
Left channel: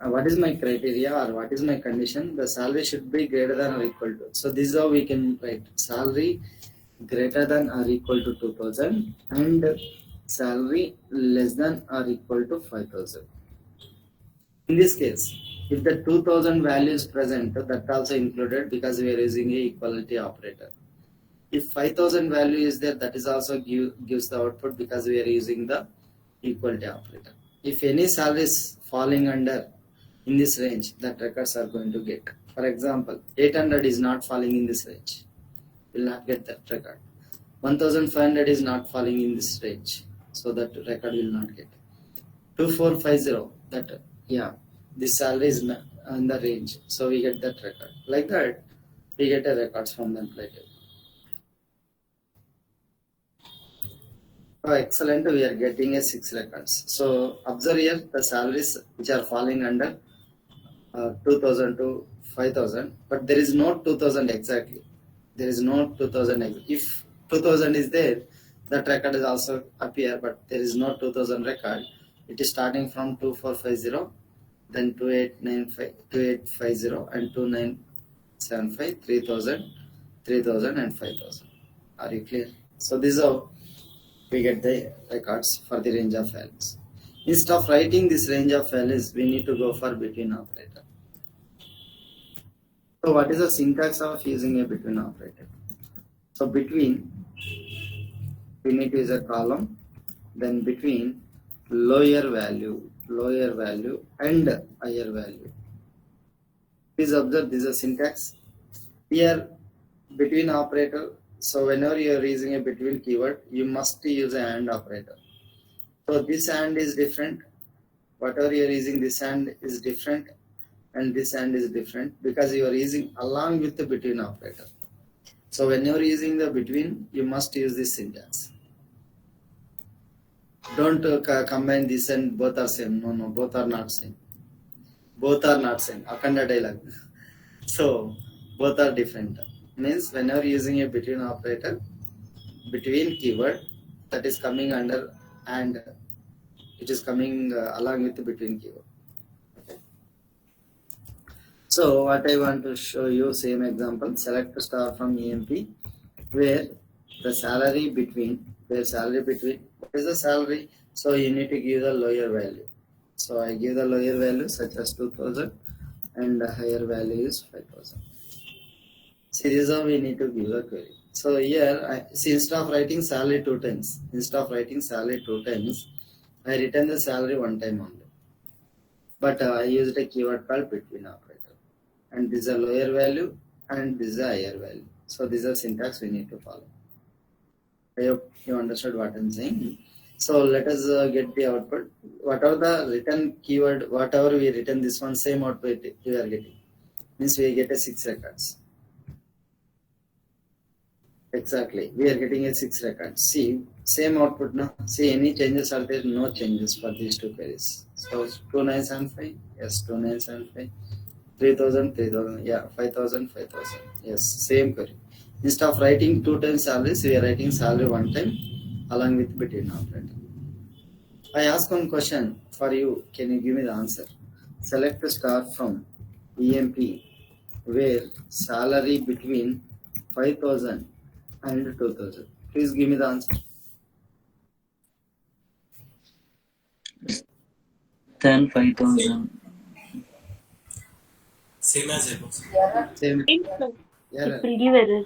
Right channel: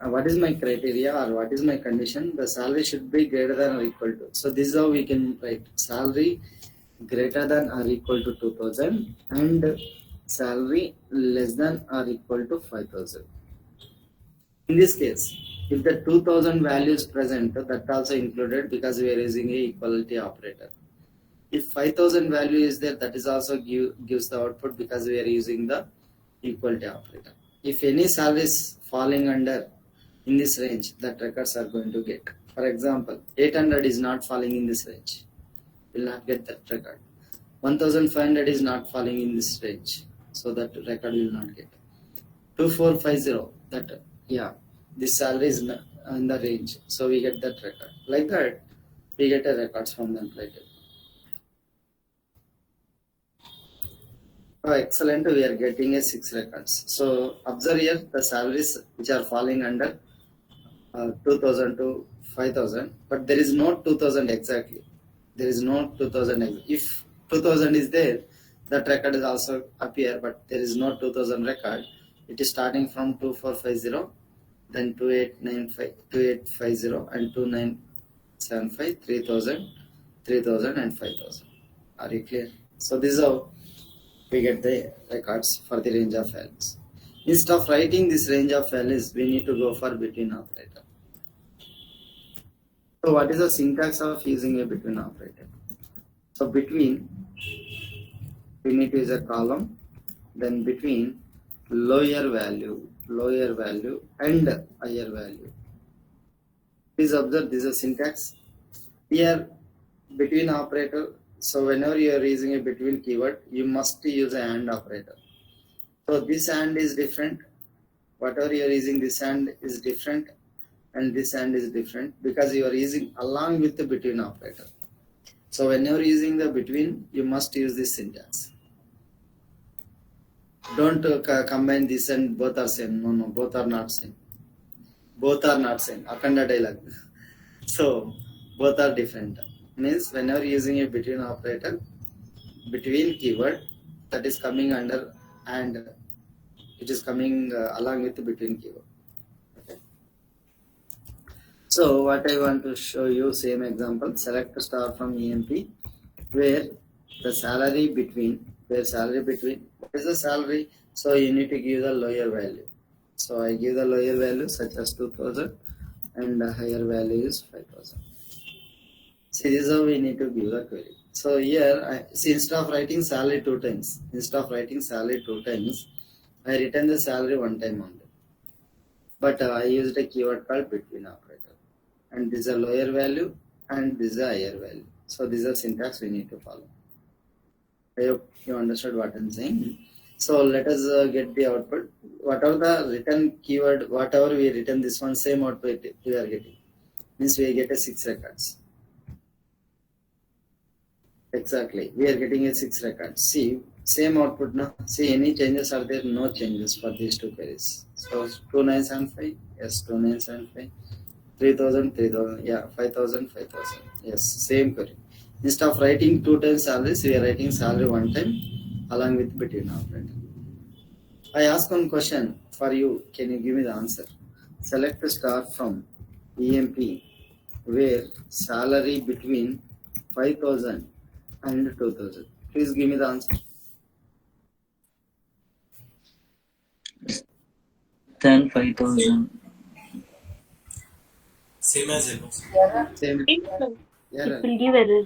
What is my criteria or what is my condition? The salary should be greater than or equal to. So this is how we can write salary greater than or equal to 2000 and salary less than or equal to 5000. In this case, if the 2000 value is present, that also included because we are using a equality operator. If 5000 value is there, that is also gives the output because we are using the equality operator. if any salary is falling under in this range, that records are going to get. For example, 800 is not falling in this range, will not get that record. 1500 is not falling in this range, so that record will not get. 2450, that, yeah, this salary is in the range, so we get that record. Like that, we get a records from the employee table. Oh, excellent, we are getting a 6 records. So observe here the salaries which are falling under 2000 to 5000, but there is no 2000 exactly. There is no 2000. If 2000 is there, that record is also appear, but there is no 2000 record. It is starting from 2450, then 2895, 2850, and 2975, 3000, 3000, and 5000. Are you clear? So this is how we get the records for the range of values. Instead of writing this range of values, we need to go for between operator. So what is the syntax of using a between operator? So between, we need to use a column, then between lower value and higher value. Please observe this is a syntax. Here between operator, so whenever you are using a between keyword, you must use a AND operator. So this AND is different. Whatever you are using, this AND is different, and this AND is different because you are using along with the between operator. So whenever using the between, you must use this syntax. Don't combine this and both are same. No, both are not same. Both are not same. Akanda dialogue. So both are different. Means whenever using a between operator, between keyword, that is coming under and it is coming along with the between keyword. Okay. So what I want to show you, same example, select star from EMP, where the salary between, what is the salary? So you need to give the lower value. So I give the lower value such as 2000 and the higher value is 5000. See, this is how we need to give the query. So here, instead of writing salary two times, I return the salary one time only. But I used a keyword called between operator. And this is a lower value and this is a higher value. So this is a syntax we need to follow. I hope you understood what I'm saying. So let us get the output. Whatever the return keyword, whatever we return this one, same output we are getting. Means we get a 6 records. Exactly, we are getting a 6 records. See, same output now. See, any changes are there? No changes for these two queries. So 2975, yes, 2975. 3000, 3000, yeah, 5000, 5000. Yes, same query. Instead of writing two times salaries, we are writing salary one time along with between operator. I ask one question for you. Can you give me the answer? Select a star from EMP where salary between 5000 and 2000. Please give me the answer. Then 5000. Same as it was. Same. It Error. will give error.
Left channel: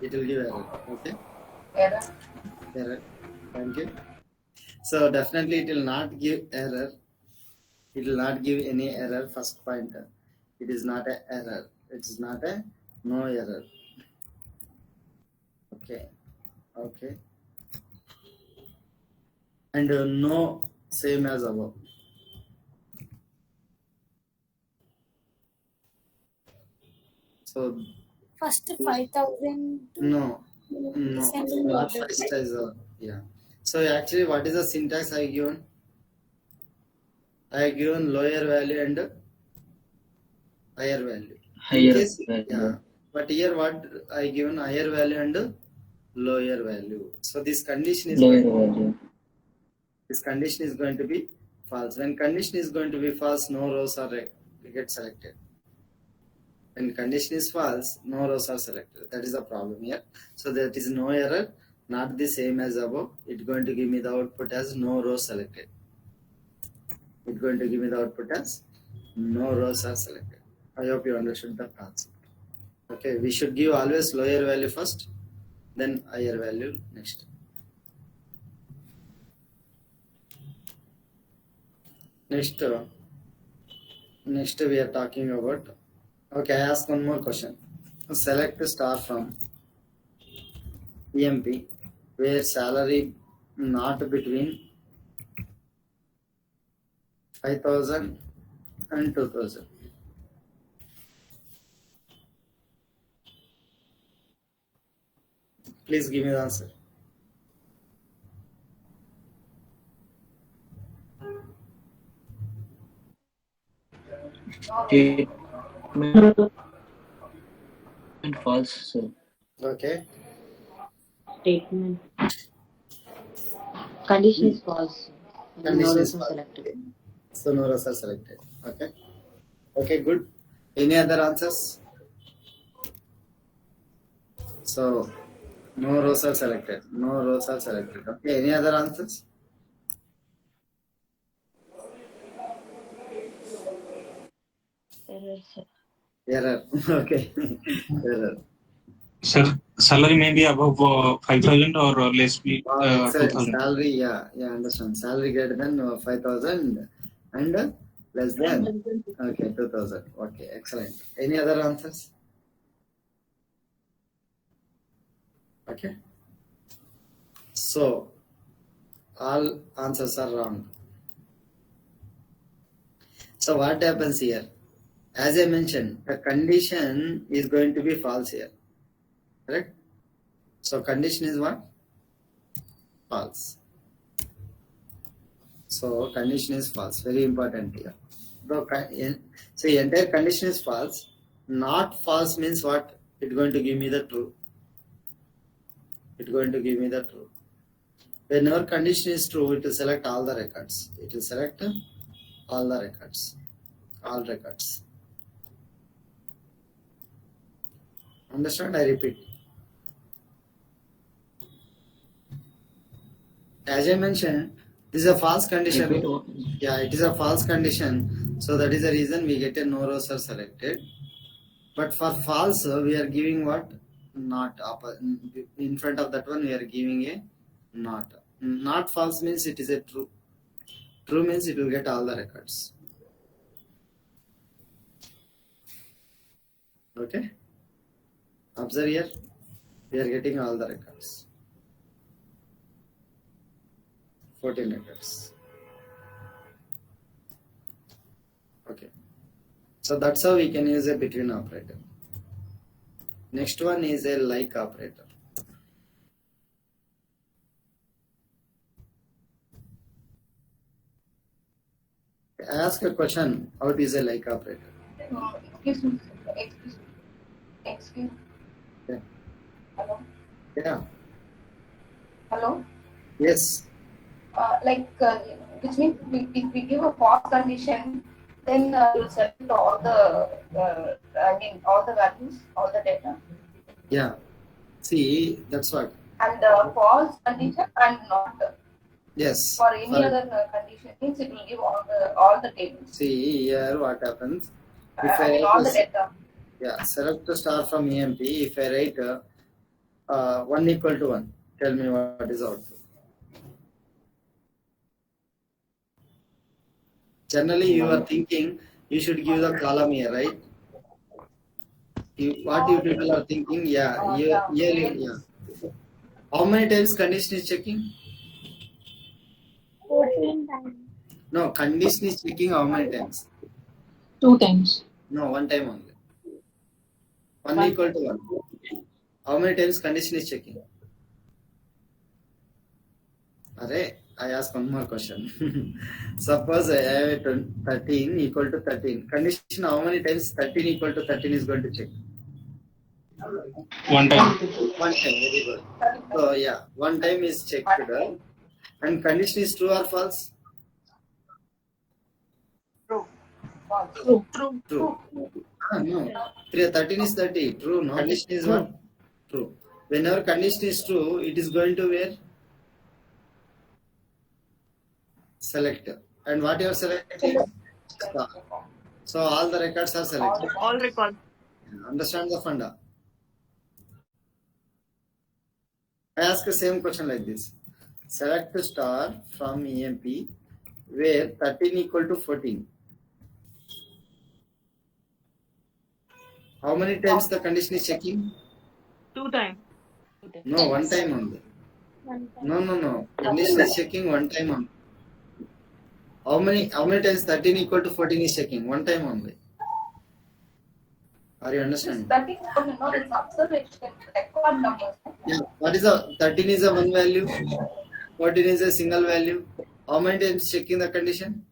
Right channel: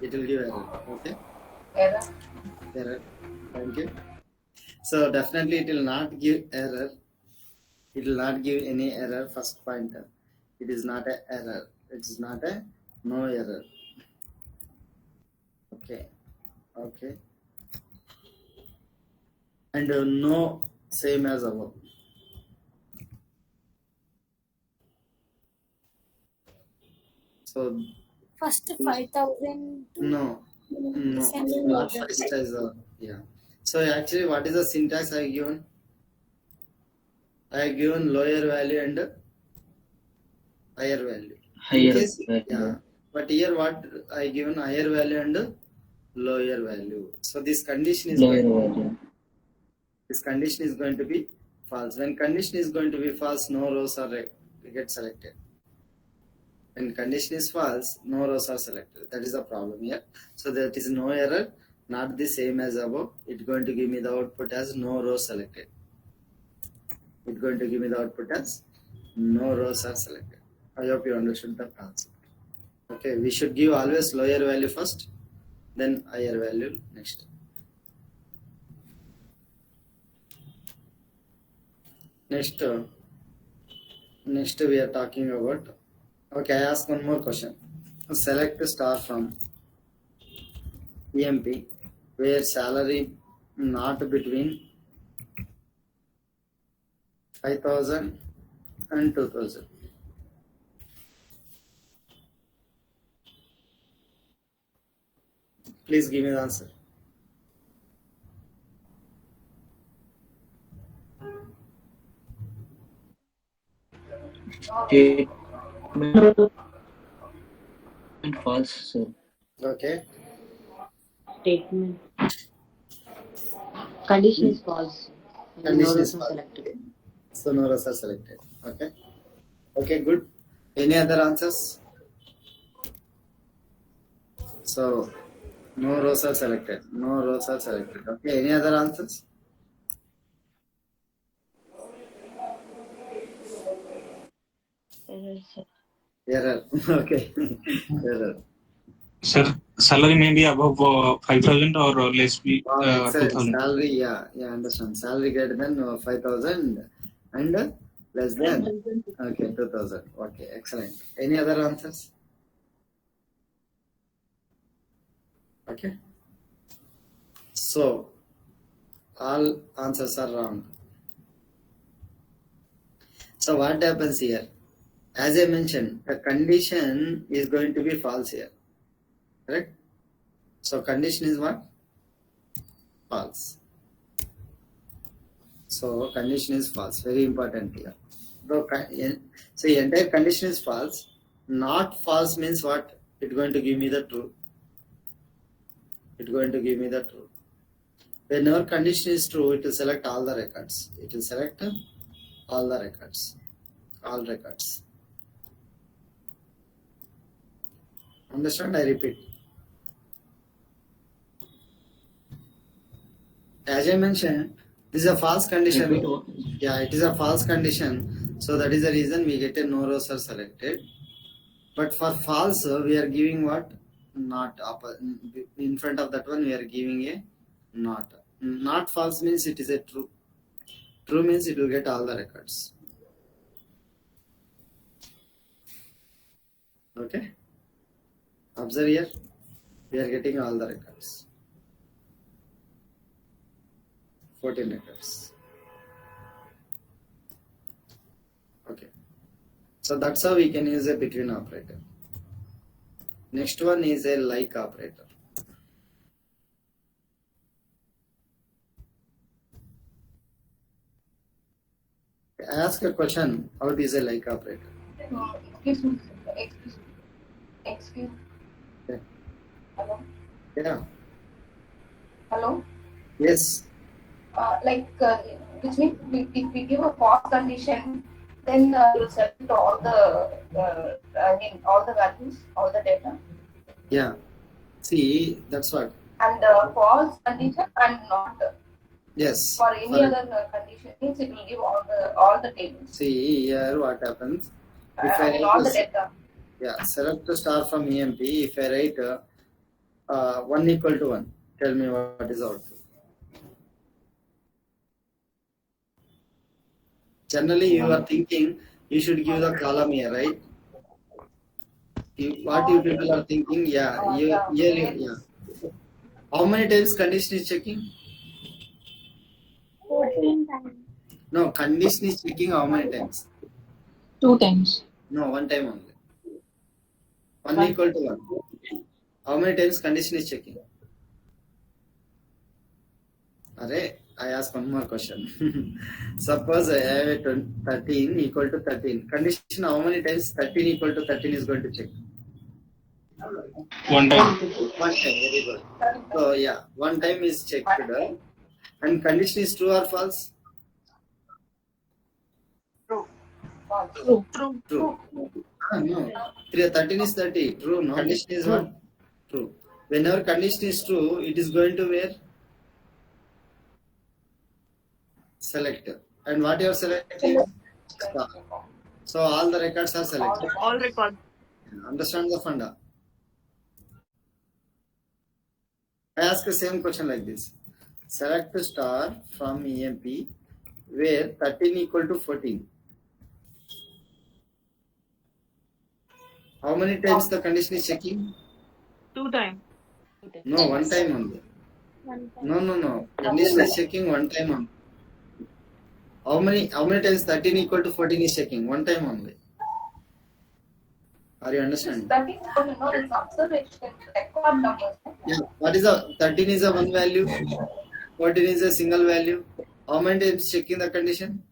It will give error. Okay. Error. Thank you. So definitely it will not give error. It will not give any error. First pointer. It is not a error. It is not a no error. Okay. Okay. And no same as above. So First 5000 to no, descending not order. first as yeah. So actually, what is the syntax I given? I have given lower value and higher value. In Higher case, value. yeah. But here what I given higher value and lower value. So this condition is Lower going, value. this condition is going to be false. When condition is going to be false, no rows are get selected. When condition is false, no rows are selected. That is the problem here. So that is no error, not the same as above. It's going to give me the output as no rows selected. It's going to give me the output as no rows are selected. I hope you understood the concept. Okay, we should give always lower value first, then higher value next. Next we are talking about. Okay, I ask one more question. Select star from EMP where salary not between 5,000 and 2,000. Please give me the answer. Statement false, sir. Okay. Statement. Condition is false. Condition is No false. selected. So no rows are selected. Okay. Okay, good. Any other answers? So no rows are selected. No rows are selected. Okay. Any other answers? Error, sir. Error. Okay. Error. Sir, salary may be above 5,000 or less be Excellent. 2,000. Salary, yeah, understand. Salary greater than 5,000 and less than 2,000. Okay, excellent. Any other answers? Okay. So all answers are wrong. So what happens here? As I mentioned, the condition is going to be false here. Correct? So condition is what? False. So condition is false. Very important here. So the entire condition is false. Not false means what? It's going to give me the true. It's going to give me the true. Whenever condition is true, it will select all the records. It will select all the records. All records. Understand? I repeat. As I mentioned, this is a false condition. Yeah, it is a false condition. So that is the reason we get a no rows are selected. But for false, we are giving what? Not. In front of that one, we are giving a not. Not false means it is a true. True means it will get all the records. Okay. Observe here. We are getting all the records. 14 records. Okay. So that's how we can use a between operator. Next one is a like operator. I ask a question. How it is a like operator? Excuse me. Excuse. Yeah. Hello. Yeah. Hello. Yes. Which means if we give a false condition, then you select all all the values, all the data. Yeah. See, that's what. And false condition and not. Yes. For any other condition, means it will give all the tables. See here what happens. If all the data. Yeah, select the star from EMP. If I write 1 equal to 1, tell me what is output. Generally, you are thinking you should give the column here, right? What you people are thinking, yeah. How many times condition is checking? 14 times. No, condition is checking how many times? 2 times. No, 1 time only. 1 equal to 1. How many times condition is checking? Array, I ask one more question. Suppose I have a 13 equal to 13. Condition how many times 13 equal to 13 is going to check? 1 time. 1 time, very good. So yeah, 1 time is checked. And condition is true or false? True. True. No. 13 is 30. True. No. Condition is what? True. Whenever condition is true, it is going to where? Select. And what you are selecting? Star. So all the records are selected. All records. Understand the funda? I ask the same question like this. Select star from EMP where 13 equal to 14. How many times the condition is checking? 2 times. No, one time only. One time. No. Condition is checking one time only. How many times 13 equal to 14 is checking? One time only. Are you understanding? 13 no, it's observation record numbers. Yeah. What is the 13 is a one value, 14 is a single value. How many times checking the condition?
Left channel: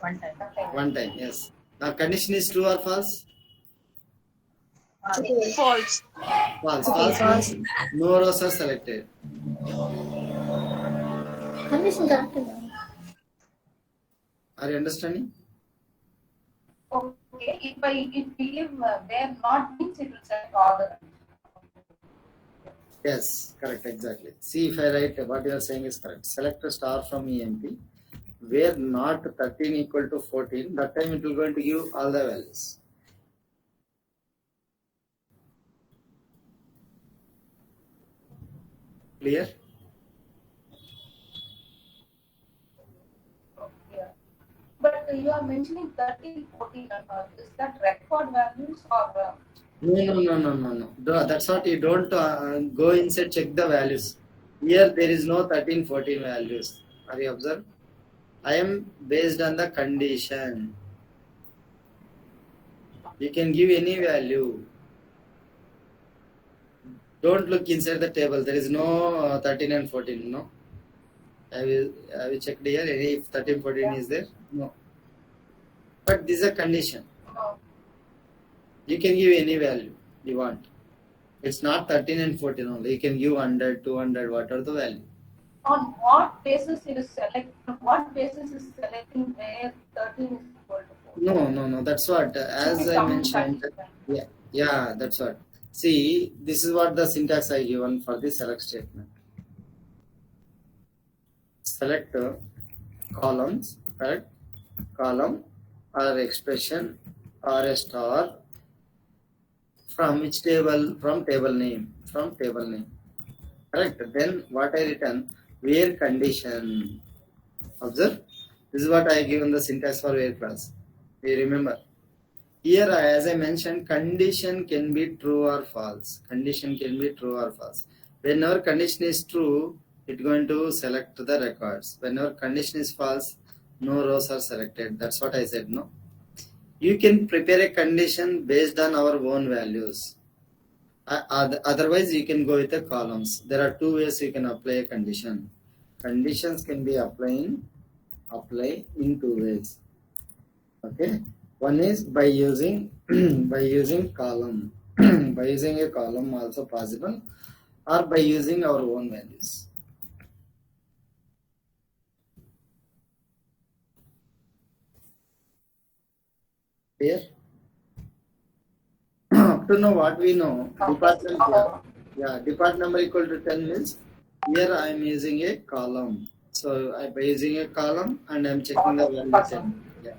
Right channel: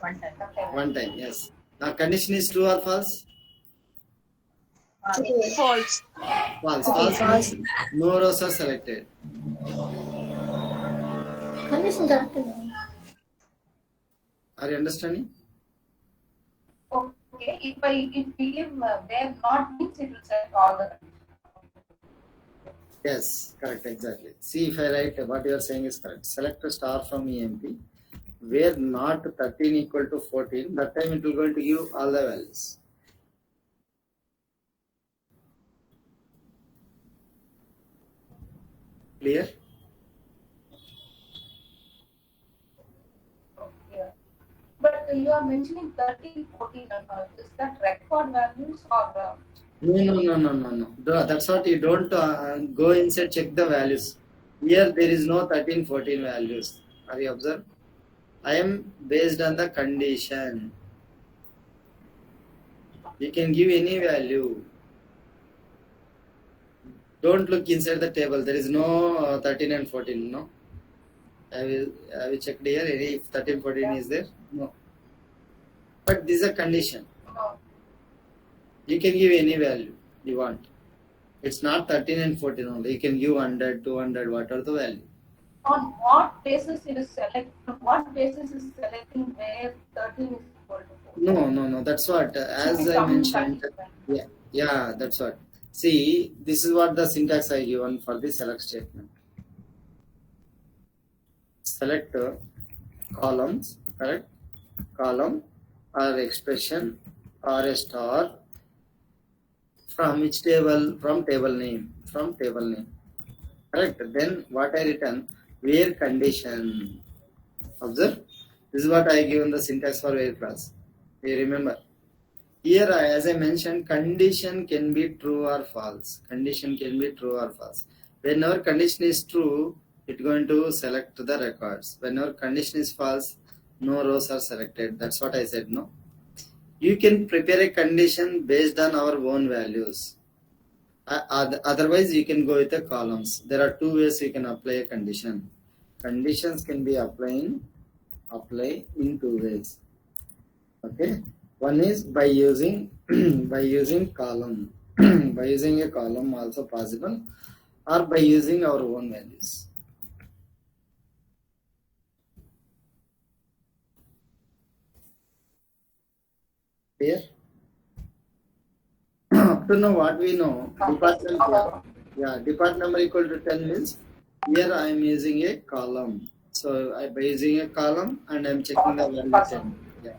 One time. One time, yes. Now condition is true or false? False. False. False means no rows are selected. Condition correct. Are you understanding? Okay, if we give where not means it will select all the. Yes, correct, exactly. See, if I write what you are saying is correct. Select a star from EMP where not 13 equal to 14, that time it will going to give all the values. Clear? Yeah. But you are mentioning 13, 14 is that record values or? No. That's what you don't go inside check the values. Here there is no 13, 14 values. Are you observed? I am based on the condition. You can give any value. Don't look inside the table. There is no 13 and 14. No. Have you checked here? If 13, 14 is there? No. But this is a condition. No. You can give any value you want. It's not 13 and 14 only. You can give 100, 200, whatever the value. On what basis it is select? What basis is selecting where 13 is equal to 4? No. That's what, as I mentioned. Yeah, that's what. See, this is what the syntax I given for the select statement. Select columns, correct? Column or expression or a star from which table? From table name. Correct. Then what I written? Where condition. Observe. This is what I given the syntax for where class. You remember. Here, as I mentioned, condition can be true or false. Whenever condition is true, it's going to select the records. Whenever condition is false, no rows are selected. That's what I said, no? You can prepare a condition based on our own values. Otherwise, you can go with the columns. There are two ways you can apply a condition. Conditions can be apply in two ways. Okay. One is by using column. By using a column also possible, or by using our own values. Clear? Up to now what we know, department number equal to 10 means here I am using a column. So by using a column and I am checking the value 10. Yeah.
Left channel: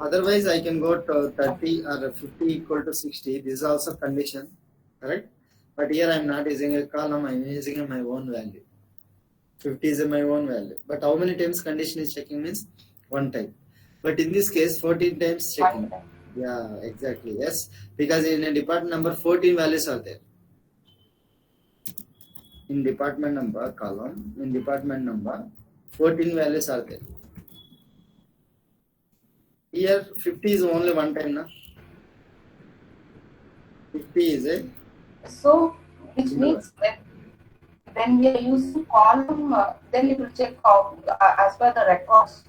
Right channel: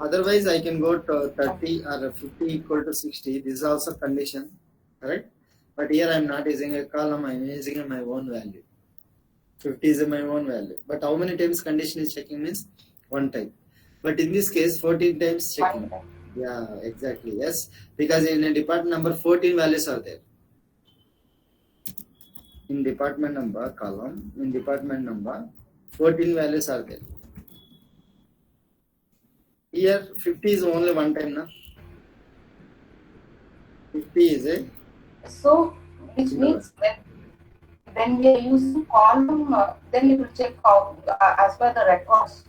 Otherwise I can go to 30 or 50 equal to 60. This is also condition, correct? But here I am not using a column, I am using my own value. 50 is my own value. But how many times condition is checking means one time. But in this case 14 times checking. Yeah, exactly. Yes, because in a department number 14 values are there. In department number column, in department number 14 values are there. Here 50 is only one time, na? 50 is a. So, which means that when we are using column, then it will check as per the records.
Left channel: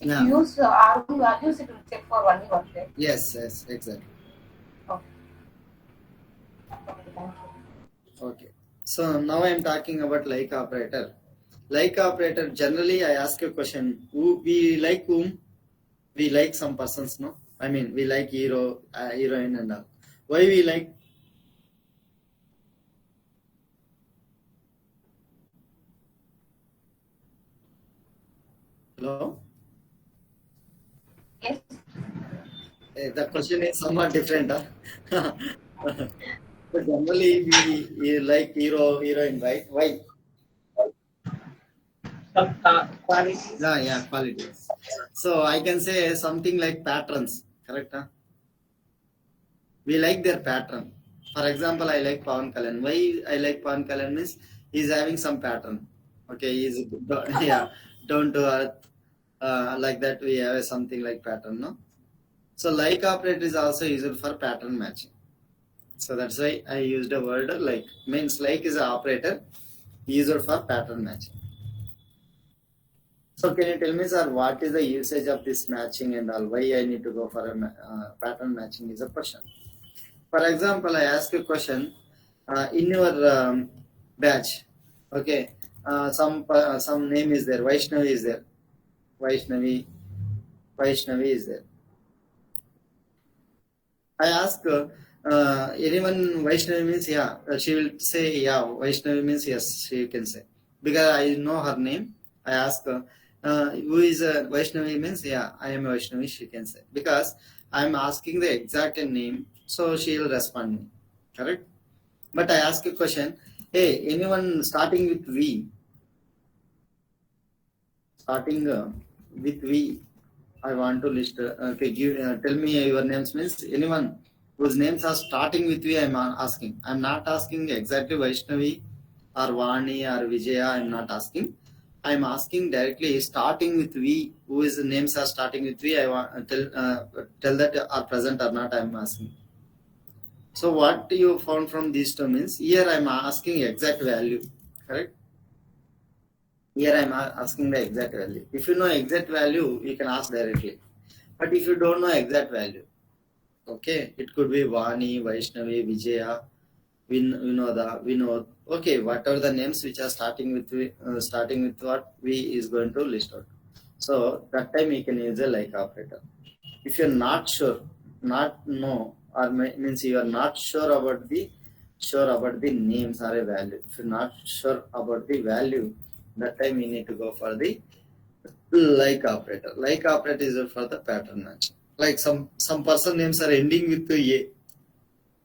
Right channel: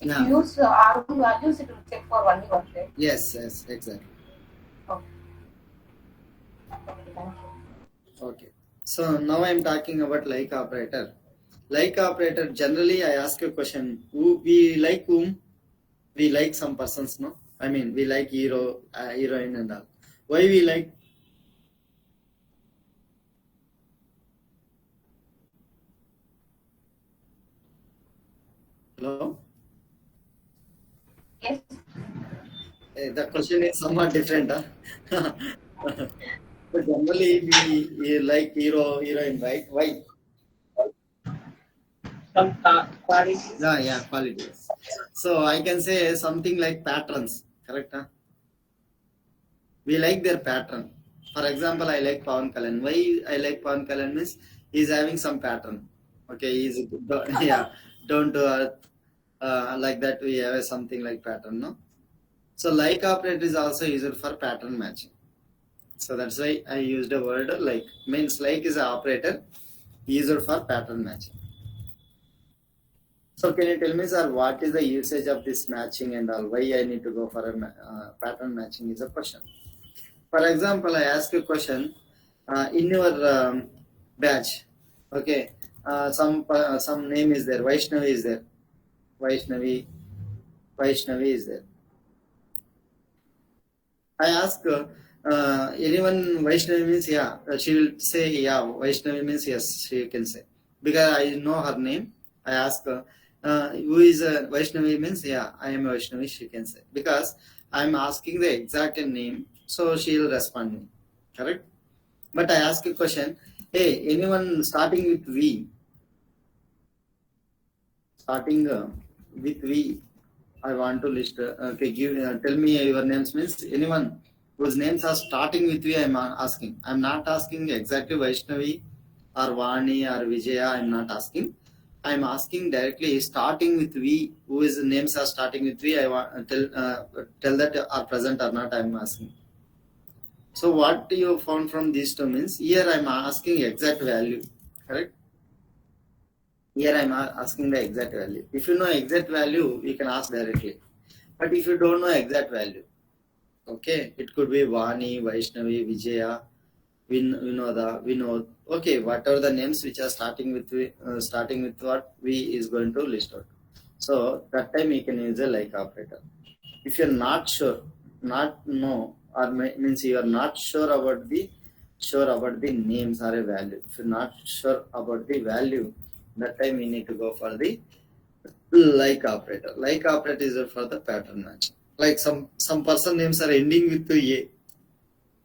If you use our own values, it will check for only one day. Yes, exactly. Okay. Okay. So now I am talking about like operator. Like operator, generally I ask a question. We like whom? We like some persons, no? I mean, we like hero, heroine and all. Why we like? Hello? Yes. The question is somewhat different, huh? But generally we like hero, heroine, right? Why? Some qualities. Yeah, qualities. So I can say something like patterns, correct? Huh? We like their pattern. For example, I like Pawan Kalyan. Why I like Pawan Kalyan means he's having some pattern. Okay, he's yeah, down to earth. Like that, we have something like pattern, no? So like operator is also used for pattern matching. So that's why I used a word like. Means like is an operator used for pattern matching. So can you tell me, sir, what is the usage of this matching and all? Why I need to go for a pattern matching is a question. For example, I ask a question in your batch. Okay, some name is there. Vaishnavi is there. Vaishnavi, Vaishnavi is there. I ask anyone Vaishnavi means yeah. She will say yeah. Vaishnavi means yes. She can say because I know her name. I ask who is Vaishnavi means yeah. I am Vaishnavi. She can say because I am asking the exact name, so she will respond me. Correct. But I ask a question. Hey, anyone starting with V? Starting with V. I want to list. Okay, tell me your names. Means anyone whose names are starting with V. I'm asking. I'm not asking exactly Vaishnavi or Vani or Vijaya. I'm not asking. I'm asking directly starting with V. Whose names are starting with V? I want tell that are present or not. I'm asking. So what you found from these two means here I'm asking exact value. Correct. Here I'm asking the exact value. If you know exact value, you can ask directly. But if you don't know exact value, okay, it could be Vani, Vaishnavi, Vijaya, Vinoda, Vinod. Okay, what are the names which are starting with what V is going to list out. So that time you can use a like operator. If you're not sure, not know, or means you are not sure about the names or a value. If you're not sure about the value, that time you need to go for the like operator. Like operator is for the pattern match. Like some person names are ending with A.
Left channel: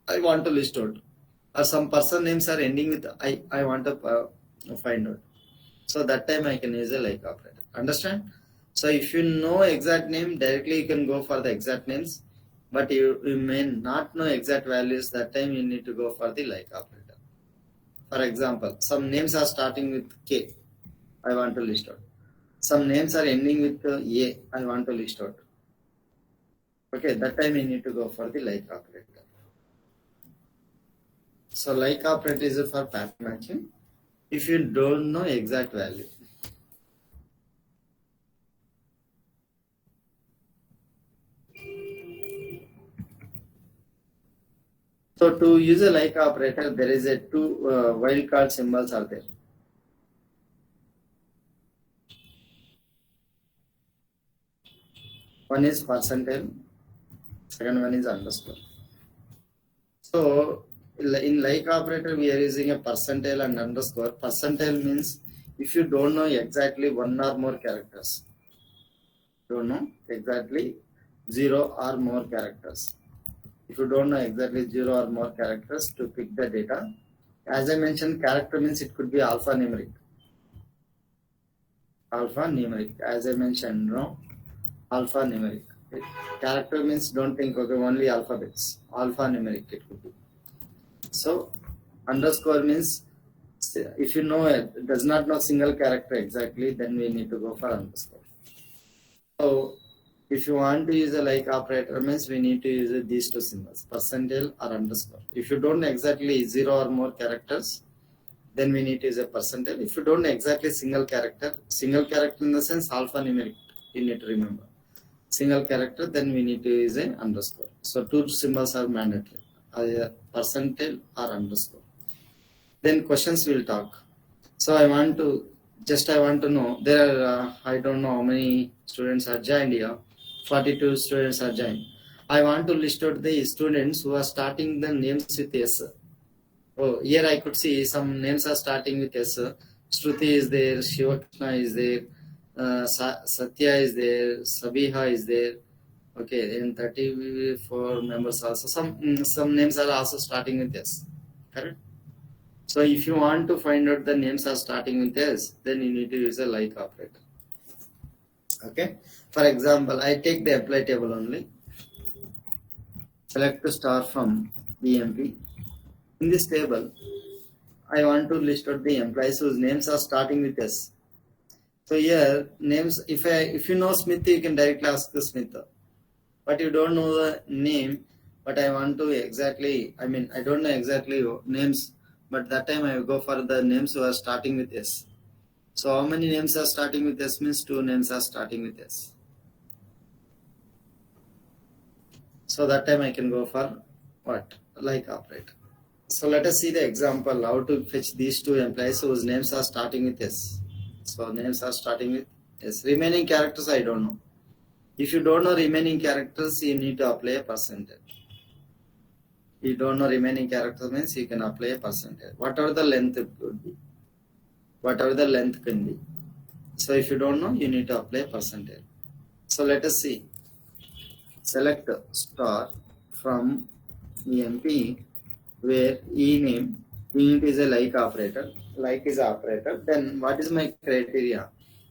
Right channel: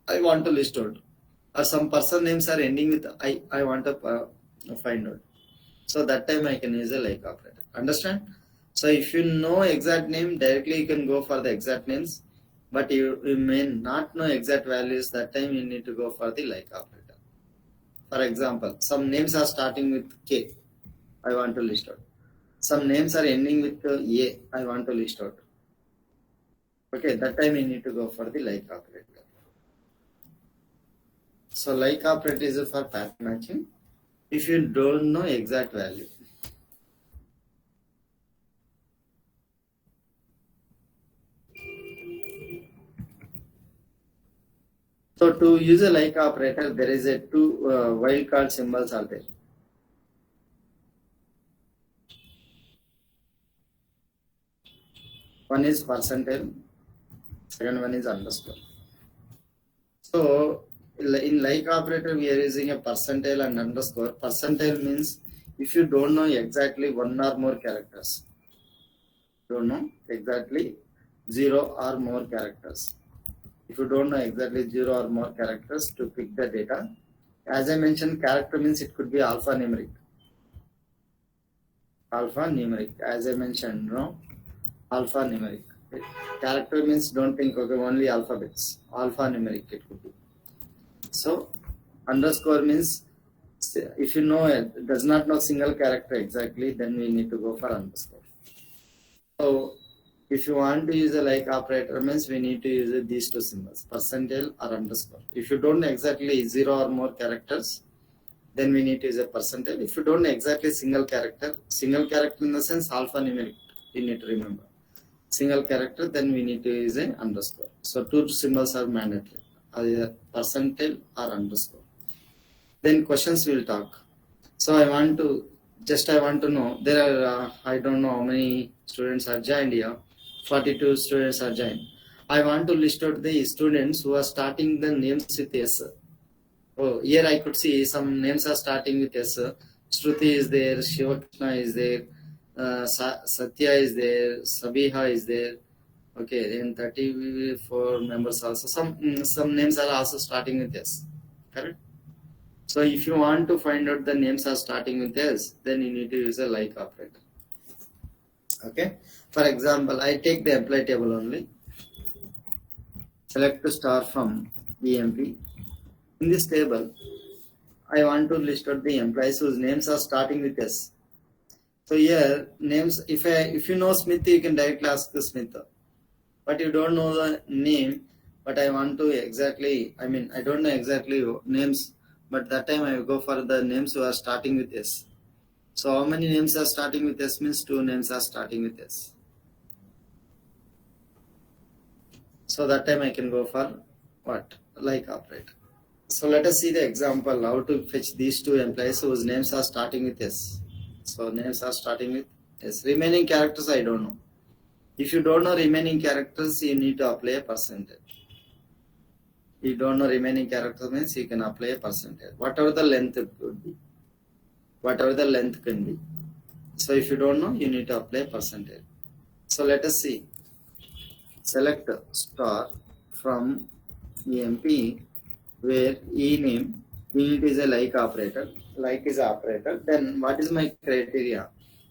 I want to list out. Or some person names are ending with I. I want to find out. So that time I can use a like operator. Understand? So if you know exact name, directly you can go for the exact names. But you may not know exact values. That time you need to go for the like operator. For example, some names are starting with K. I want to list out. Some names are ending with A. I want to list out. Okay, that time you need to go for the like operator. So like operator is for pattern matching. If you don't know exact value. So to use a like operator, there is a two wildcard symbols are there. One is percentile, second one is underscore. So in like operator, we are using a percentile and underscore. Percentile means if you don't know exactly one or more characters, don't know exactly 0 or more characters. If you don't know exactly 0 or more characters to pick the data, as I mentioned, character means it could be alphanumeric. Alphanumeric, as I mentioned, no, alphanumeric. Character means don't think okay only alphabets. Alphanumeric it could be. So underscore means if you know it does not know single character exactly, then we need to go for underscore. So if you want to use a like operator means we need to use these two symbols, percentile or underscore. If you don't know exactly 0 or more characters, then we need to use a percentile. If you don't know exactly single character in the sense alphanumeric, you need to remember. Single character, then we need to use a underscore. So two symbols are mandatory, either percentile or underscore. Then questions will talk. So I want to know there are I don't know how many students are joined here. 42 students are joined. I want to list out the students who are starting the names with S. Oh, here I could see some names are starting with S. Shruti is there, Shivakrishna is there, Satya is there, Sabiha is there. Okay, in 34 members also. Some names are also starting with S. Correct? So if you want to find out the names are starting with S, then you need to use a like operator. Okay. For example, I take the employee table only. Select the star from EMP. In this table, I want to list out the employees whose names are starting with S. So here names, if you know Smith, you can directly ask the Smith. But you don't know the name, but I want to exactly, I don't know exactly names, but that time I will go for the names who are starting with S. So how many names are starting with S means 2 names are starting with S. So that time I can go for what? Like operator. So let us see the example how to fetch these 2 employees whose names are starting with S. So names are starting with S. Remaining characters I don't know. If you don't know remaining characters, you need to apply a percentage. You don't know remaining characters means you can apply a percentage. Whatever the length it could be. Whatever the length can be. So if you don't know, you need to apply a percentage. So let us see. Select star from EMP where name is a like operator. Like is operator. Then what is my criteria?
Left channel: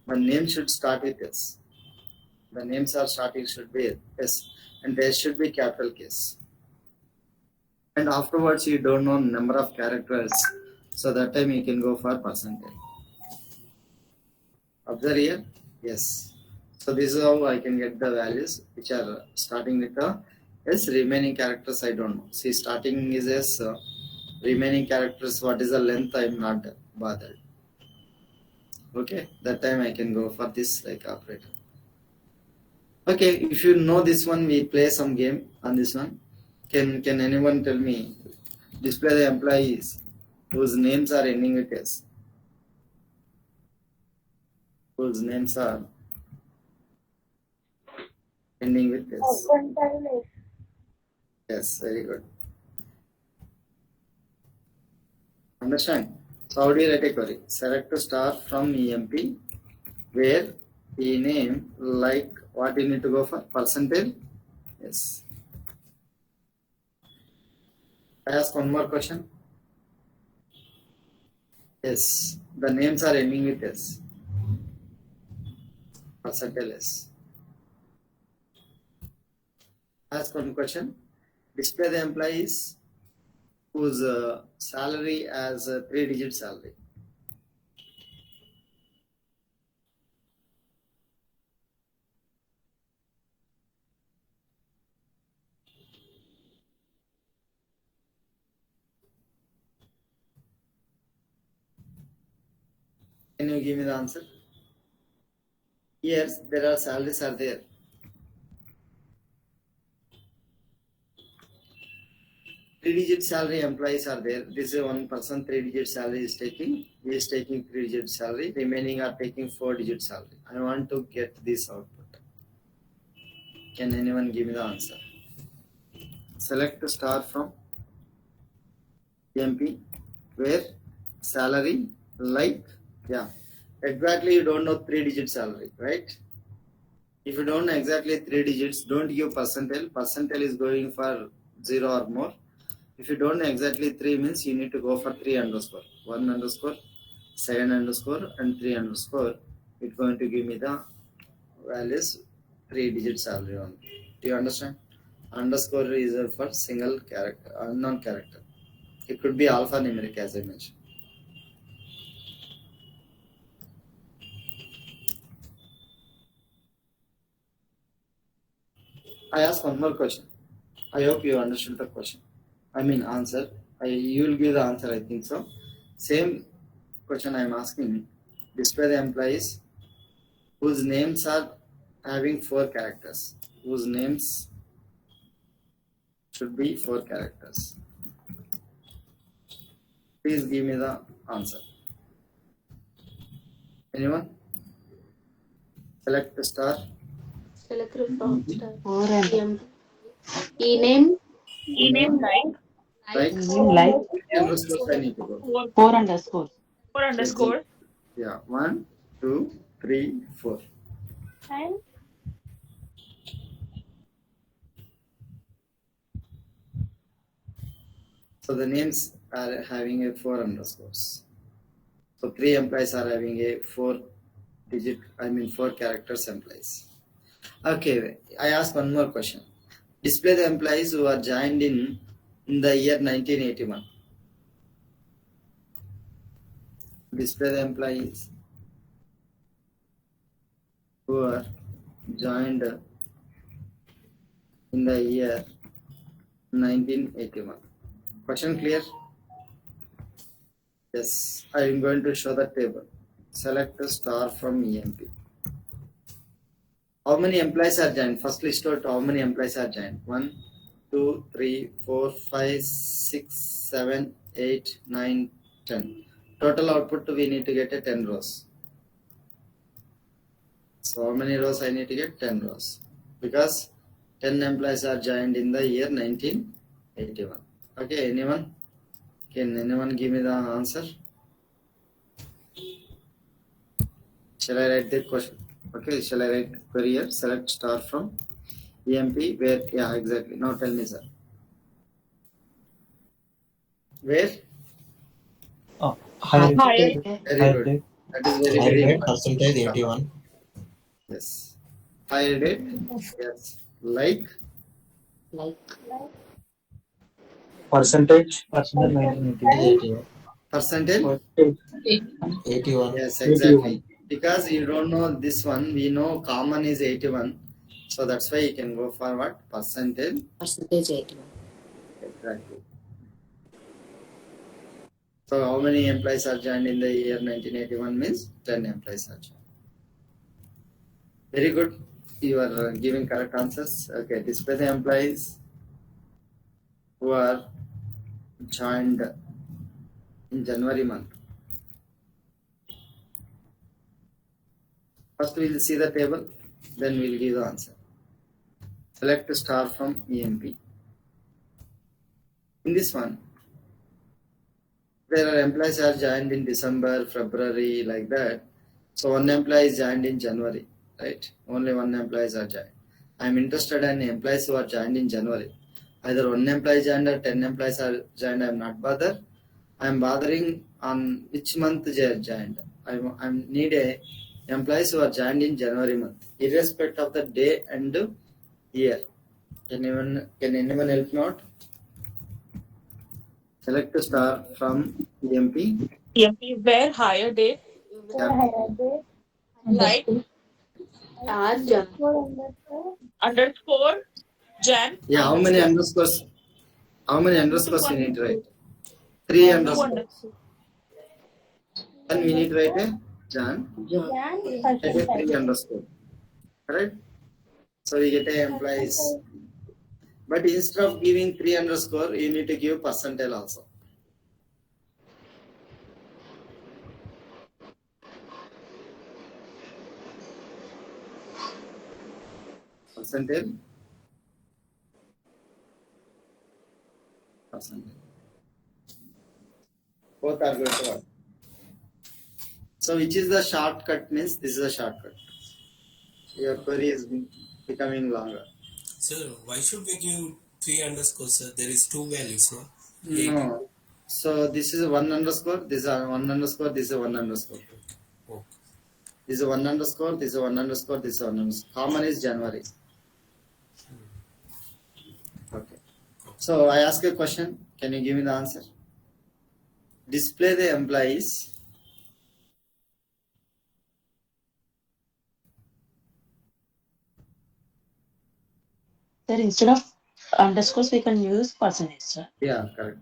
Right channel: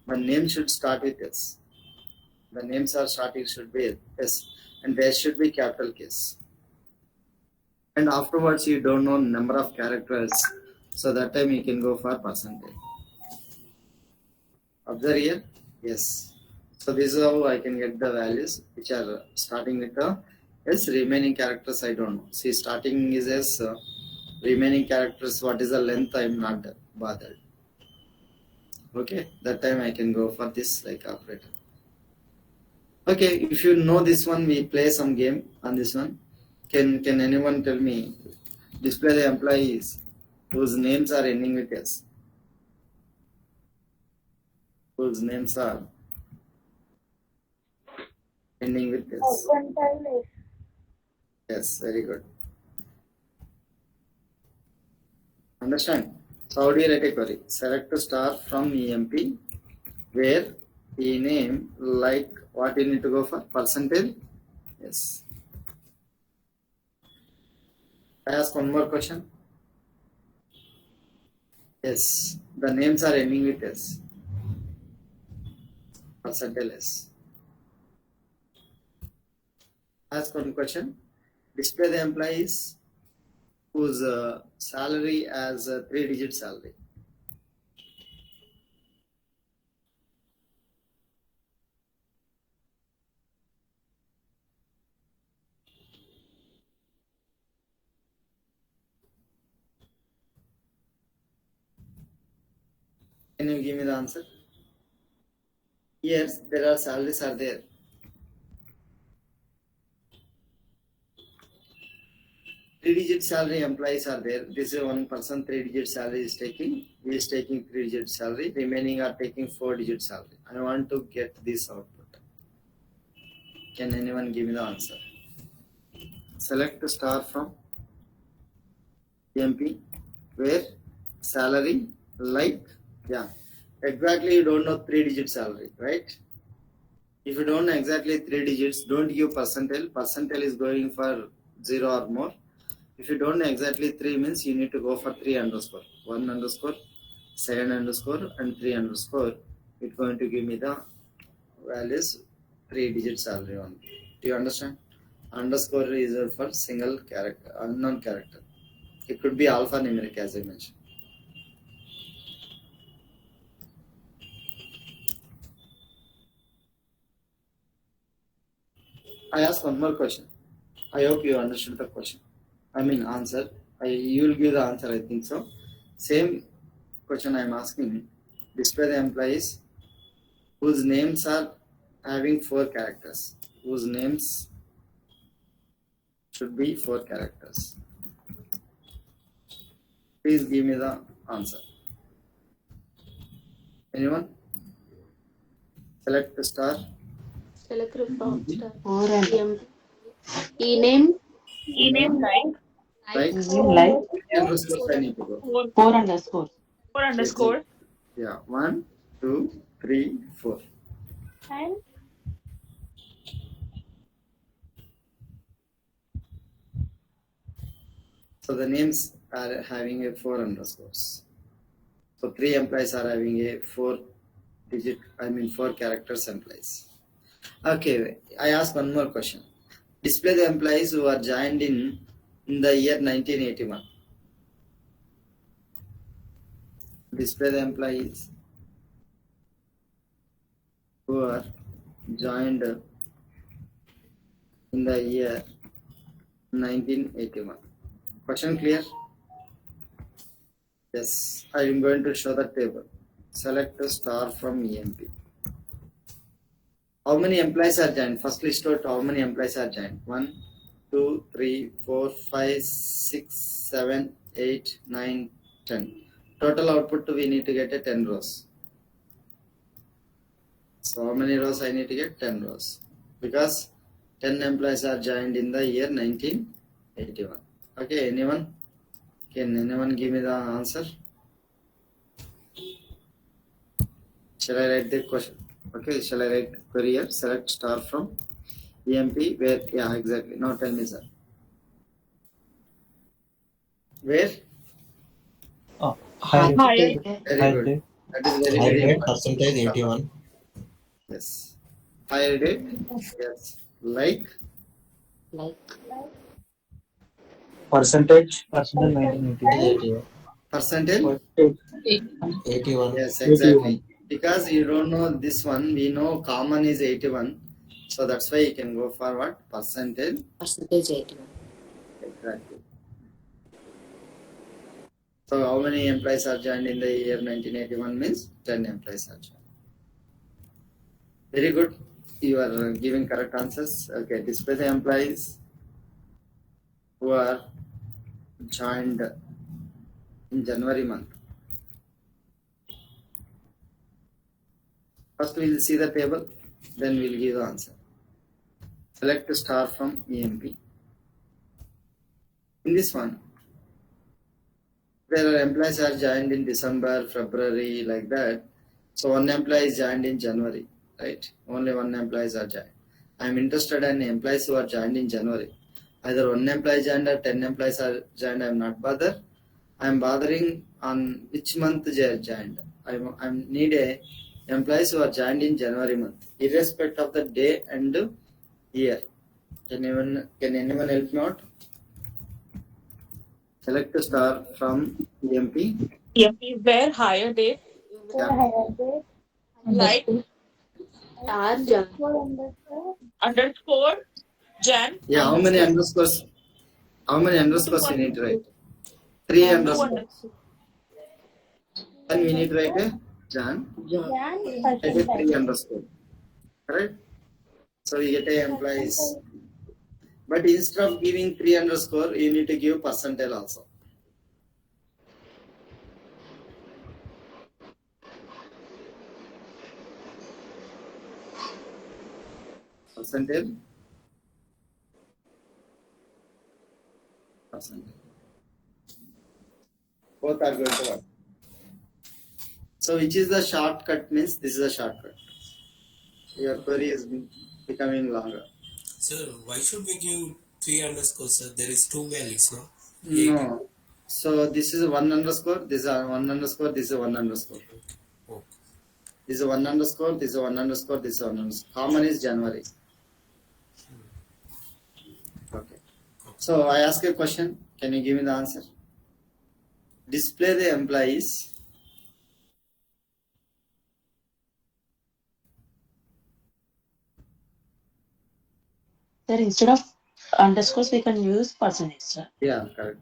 My name should start with S. The names are starting should be S. And there should be capital case. And afterwards you don't know number of characters, so that time you can go for percentage. Observe here, yes. So this is how I can get the values which are starting with the S. Remaining characters I don't know. See, starting is S. Remaining characters, what is the length, I am not bothered. Okay, that time I can go for this like operator. Okay, if you know this one, we play some game on this one. Can anyone tell me? Display the employees whose names are ending with S. Whose names are ending with S. Yes, very good. Understand? So how do you write a query? Select a star from EMP where name like what you need to go for? Percentage? Yes. I ask one more question. Yes. The names are ending with S. Percentage S. Ask one question. Display the employees whose salary as a 3-digit salary. Can you give me the answer? Yes, there are salaries are there. 3-digit salary employees are there. This is one person 3-digit salary is taking. He is taking 3-digit salary. Remaining are taking 4-digit salary. I want to get this output. Can anyone give me the answer? Select the star from MP where salary like exactly you don't know 3-digit salary, right? If you don't know exactly 3 digits, don't give percentile. Percentile is going for 0 or more. If you don't know exactly 3 means you need to go for 3 underscore, 1 underscore, 7 underscore and 3 underscore. It's going to give me the values 3-digit salary only. Do you understand? Underscore is for single character, unknown character. It could be alphanumeric as I mentioned. I ask one more question. I hope you understood the question. Answer. You will give the answer, I think so. Same question I am asking. Display the employees whose names are having 4 characters. Whose names should be 4 characters. Please give me the answer. Anyone? Select the star. Select from star. E-name. E-name Like Like underscore I need to go. 4 underscores. 4 underscore. Yeah, 1, 2, 3, 4. And So the names are having a 4 underscores. So 3 employees are having a 4 characters employees. Okay, I ask one more question. Display the employees who are joined in the year 1981. Display the employees who are joined in the year 1981. Question clear? Yes, I am going to show the table. Select a star from EMP. How many employees are joined? First list out how many employees are joined. 1, 2, 3, 4, 5, 6, 7, 8, 9, 10. Total output we need to get a 10 rows. So how many rows I need to get? 10 rows. Because 10 employees are joined in the year 1981. Okay, anyone? Can anyone give me the answer? Shall I write the question? Okay, shall I write query here? Select star from EMP where? Yeah, exactly. Now tell me, sir. Where? Higher Higher. Very good. That is very, very Higher important. percentage 81. Yes. Higher date? Yes. Like? percentage 1980. Percentage? 81. Yes, exactly. Because you don't know this one, we know common is 81. So that's why you can go for what? Percentage? Percentage 81. Exactly. So how many employees are joined in the year 1981 means 10 employees are joined. Very good. You are giving correct answers. Okay, display the employees who are joined in January month. First we'll see the table, then we'll give the answer. Select a star from EMP. In this one, there are employees are joined in December, February, like that. So one employee is joined in January, right? Only one employees are joined. I am interested in employees who are joined in January. Either one employee joined or 10 employees are joined. I am not bothered. I am bothering on which month they are joined. I need a employees who are joined in January month, irrespective of the day and year. Can anyone help me out? Select a star from EMP. EMP where higher date. Yeah. Like underscore Jan. Yeah, how many underscores? How many underscores we need to write? 3 Two underscores. Then we need to write a Jan. Write a 3 underscore. Correct? So we get a employees. But instead of giving 3 underscore, you need to give percentile also. Percentile. Percentile. Both are going to work. So which is the shortcut means this is a shortcut. Your query is becoming longer. Sir, why should we give 3 underscores, sir? There is 2 values, no? No. So this is 1 underscore, this is 1 underscore, this is 1 underscore. Oh. This is 1 underscore, this is 1 underscore, this is 1 underscore. Common is January. Okay. So I ask a question. Can you give me the answer? Display the employees. Sir, instead of underscores, we can use percentage, sir. Yeah, correct.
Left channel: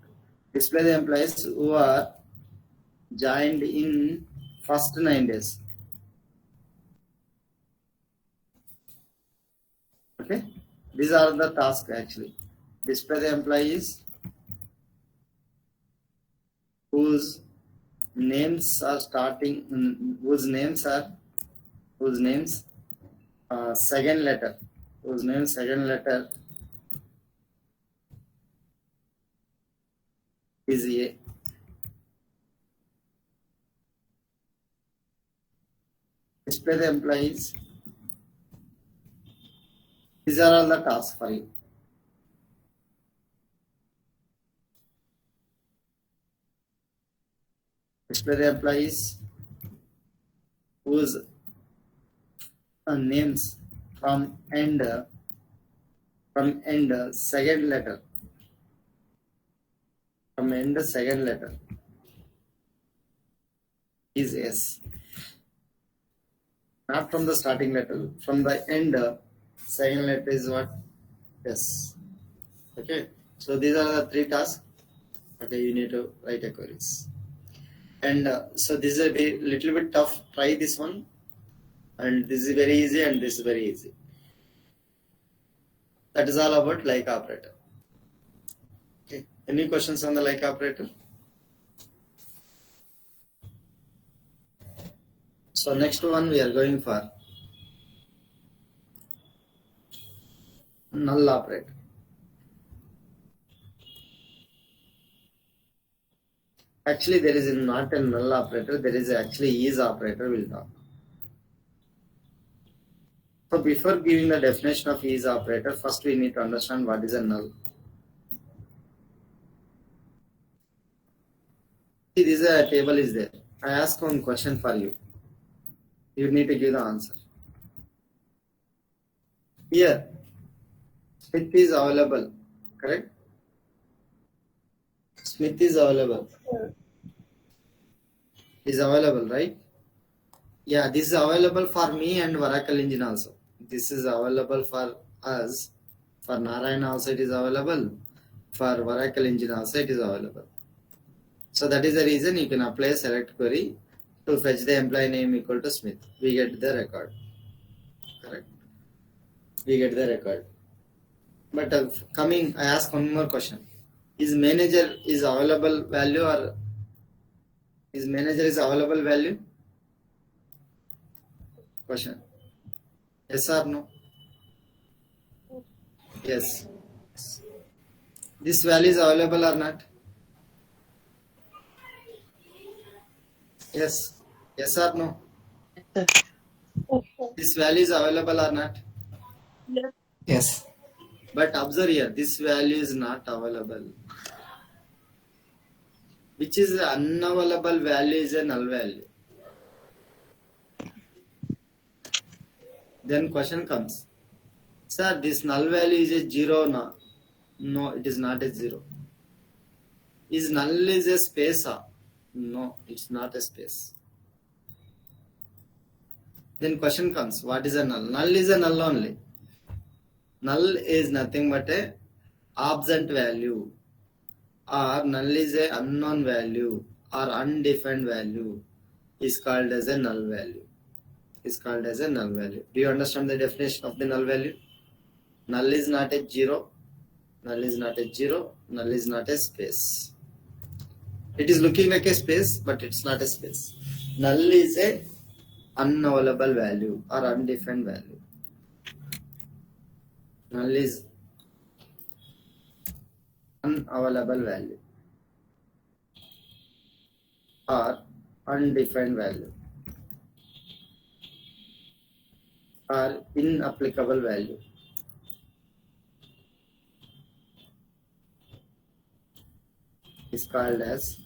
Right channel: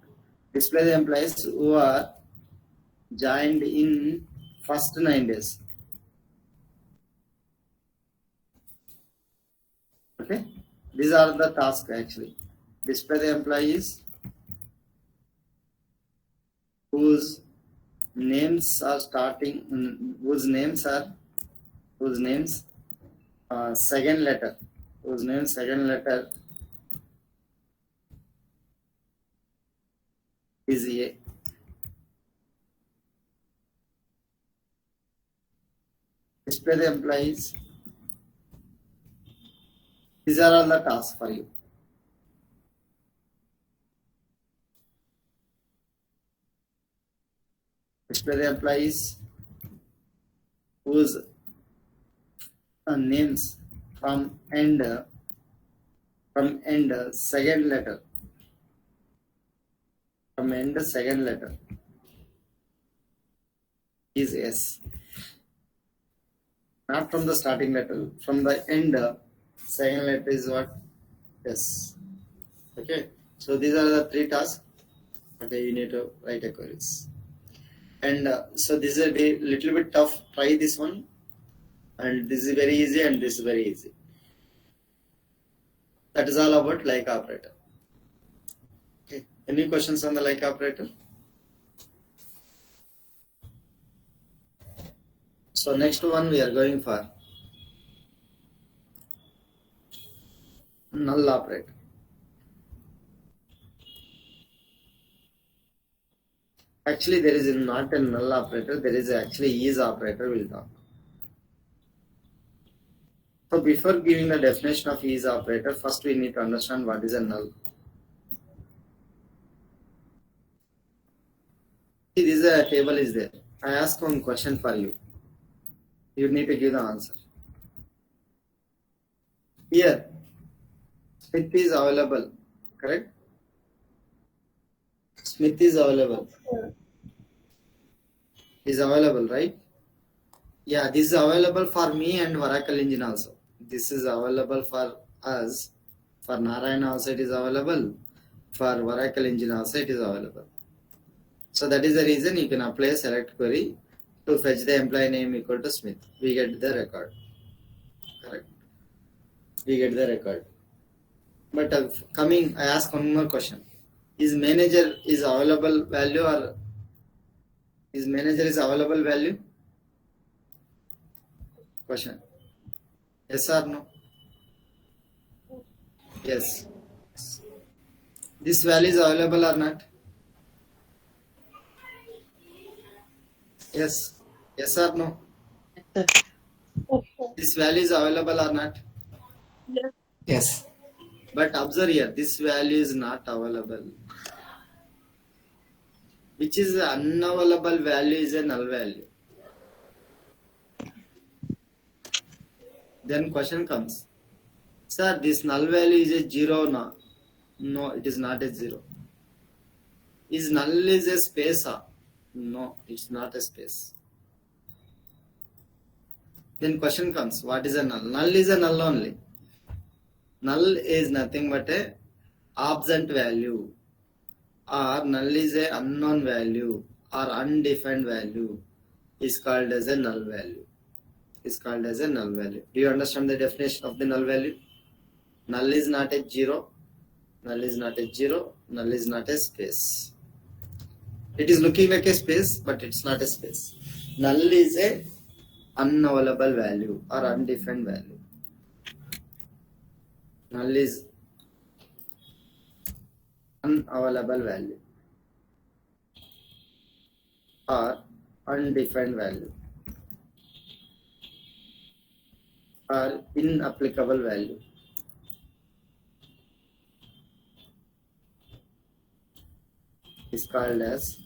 Display the employees who are joined in first 9 days. Okay. These are the tasks actually. Display the employees whose names are starting, whose names second letter, whose name second letter is A. Display the employees. These are all the tasks for you. Display the employees whose names from end second letter is S. Not from the starting letter. From the end second letter is what? S. Okay. So these are the three tasks. Okay, you need to write a queries. And so this is a little bit tough. Try this one. And this is very easy and this is very easy. That is all about like operator. Okay. Any questions on the like operator? So next one we are going for null operator. Actually, there is not a null operator. There is actually is operator. We'll talk. So before giving the definition of is operator, first we need to understand what is a null. See, this is a table is there. I ask one question for you. You need to give the answer. Here, Smith is available, correct? Smith is available. Is available, right? Yeah, this is available for me and Oracle Engine also. This is available for us. For Narayana also it is available. For Oracle Engine also it is available. So that is the reason you can apply a select query to fetch the employee name equal to Smith. We get the record. Correct. We get the record. But I ask one more question. Is manager is available value or is manager is available value? Question. Yes or no? Yes. This value is available or not? Yes. Yes or no? This value is available or not? Yes. Yes. But observe here, this value is not available. Which is unavailable value is a null value. Then question comes. Sir, this null value is a 0 now. No, it is not a 0. Is null is a space? No, it's not a space. Then question comes, what is a null? Null is a null only. Null is nothing but a absent value, or null is a unknown value or undefined value is called as a null value. Is called as a null value. Do you understand the definition of the null value? Null is not a 0. Null is not a 0. Null is not a space. It is looking like a space, but it's not a space. Null is a unavailable value or undefined value. Null is unavailable value or undefined value or inapplicable value. Is called as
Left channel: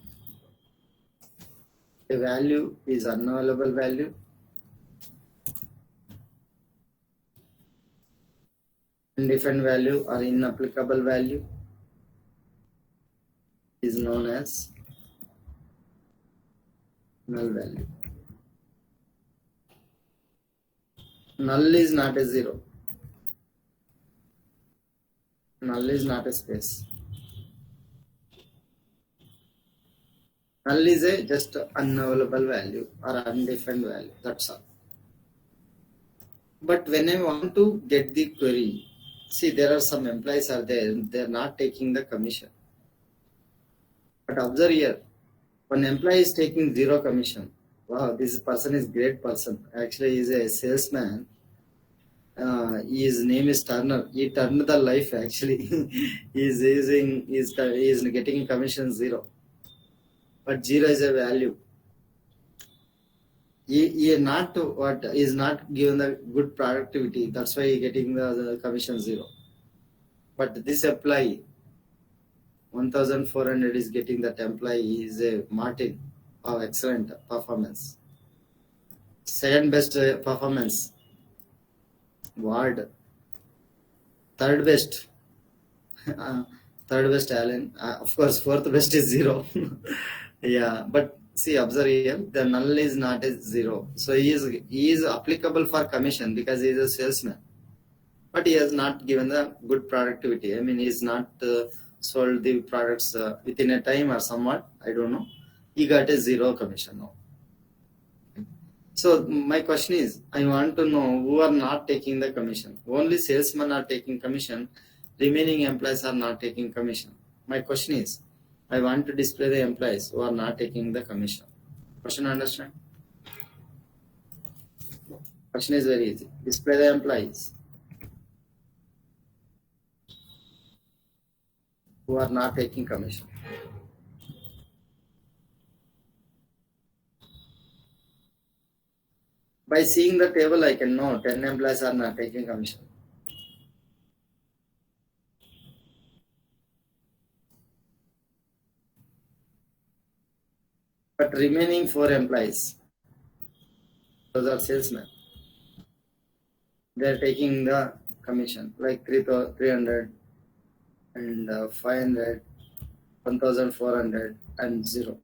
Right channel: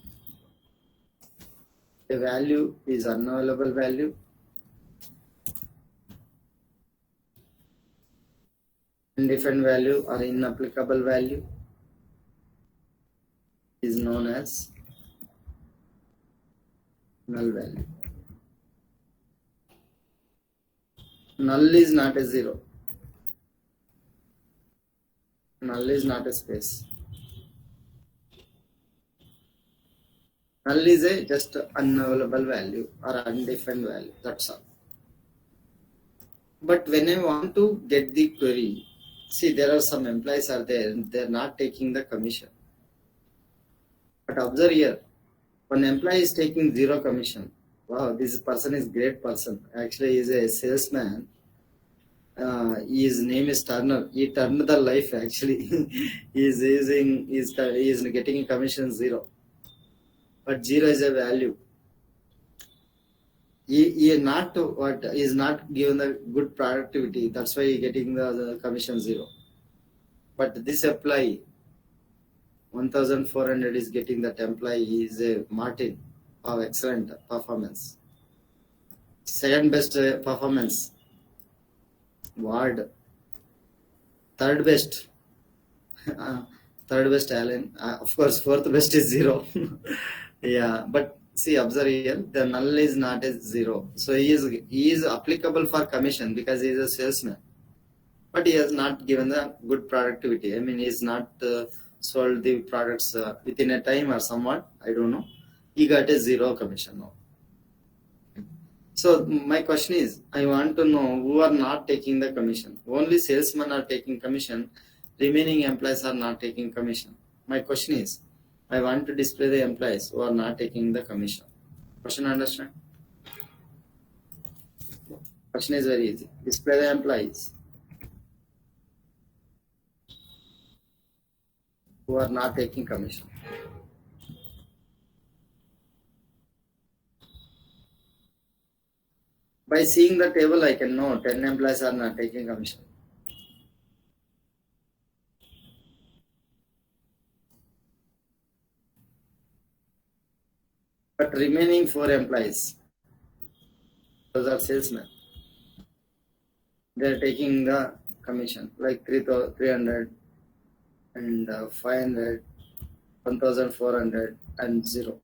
a value is unavailable value, undefined value or inapplicable value is known as null value. Null is not a 0. Null is not a space. Null is a just unavailable value or undefined value. That's all. But when I want to get the query, see there are some employees are there, they're not taking the commission. But observe here, one employee is taking 0 commission. Wow, this person is great person. Actually, he is a salesman. His name is Turner. He turned the life actually. he is getting commission 0. But 0 is a value. He is not given the good productivity. That's why he getting the commission 0. But this employee, 1,400 is getting that employee. He is a Martin. of excellent performance. Second best performance, ward. Third best, uh, third best Allen. Of course, fourth best is zero. Yeah, but see, observe here, the null is not a zero. So he is applicable for commission because he is a salesman. But he has not given the good productivity. I mean, he's not sold the products within a time or somewhat. I don't know. He got a zero commission now. So my question is, I want to know who are not taking the commission. Only salesmen are taking commission. Remaining employees are not taking commission. My question is, I want to display the employees who are not taking the commission. Question understand? Question is very easy. Display the employees who are not taking commission. By seeing the table, I can know 10 employees are not taking commission. But remaining 4 employees, those are salesmen. They are taking the commission like 300 and 500, 1400 and 0.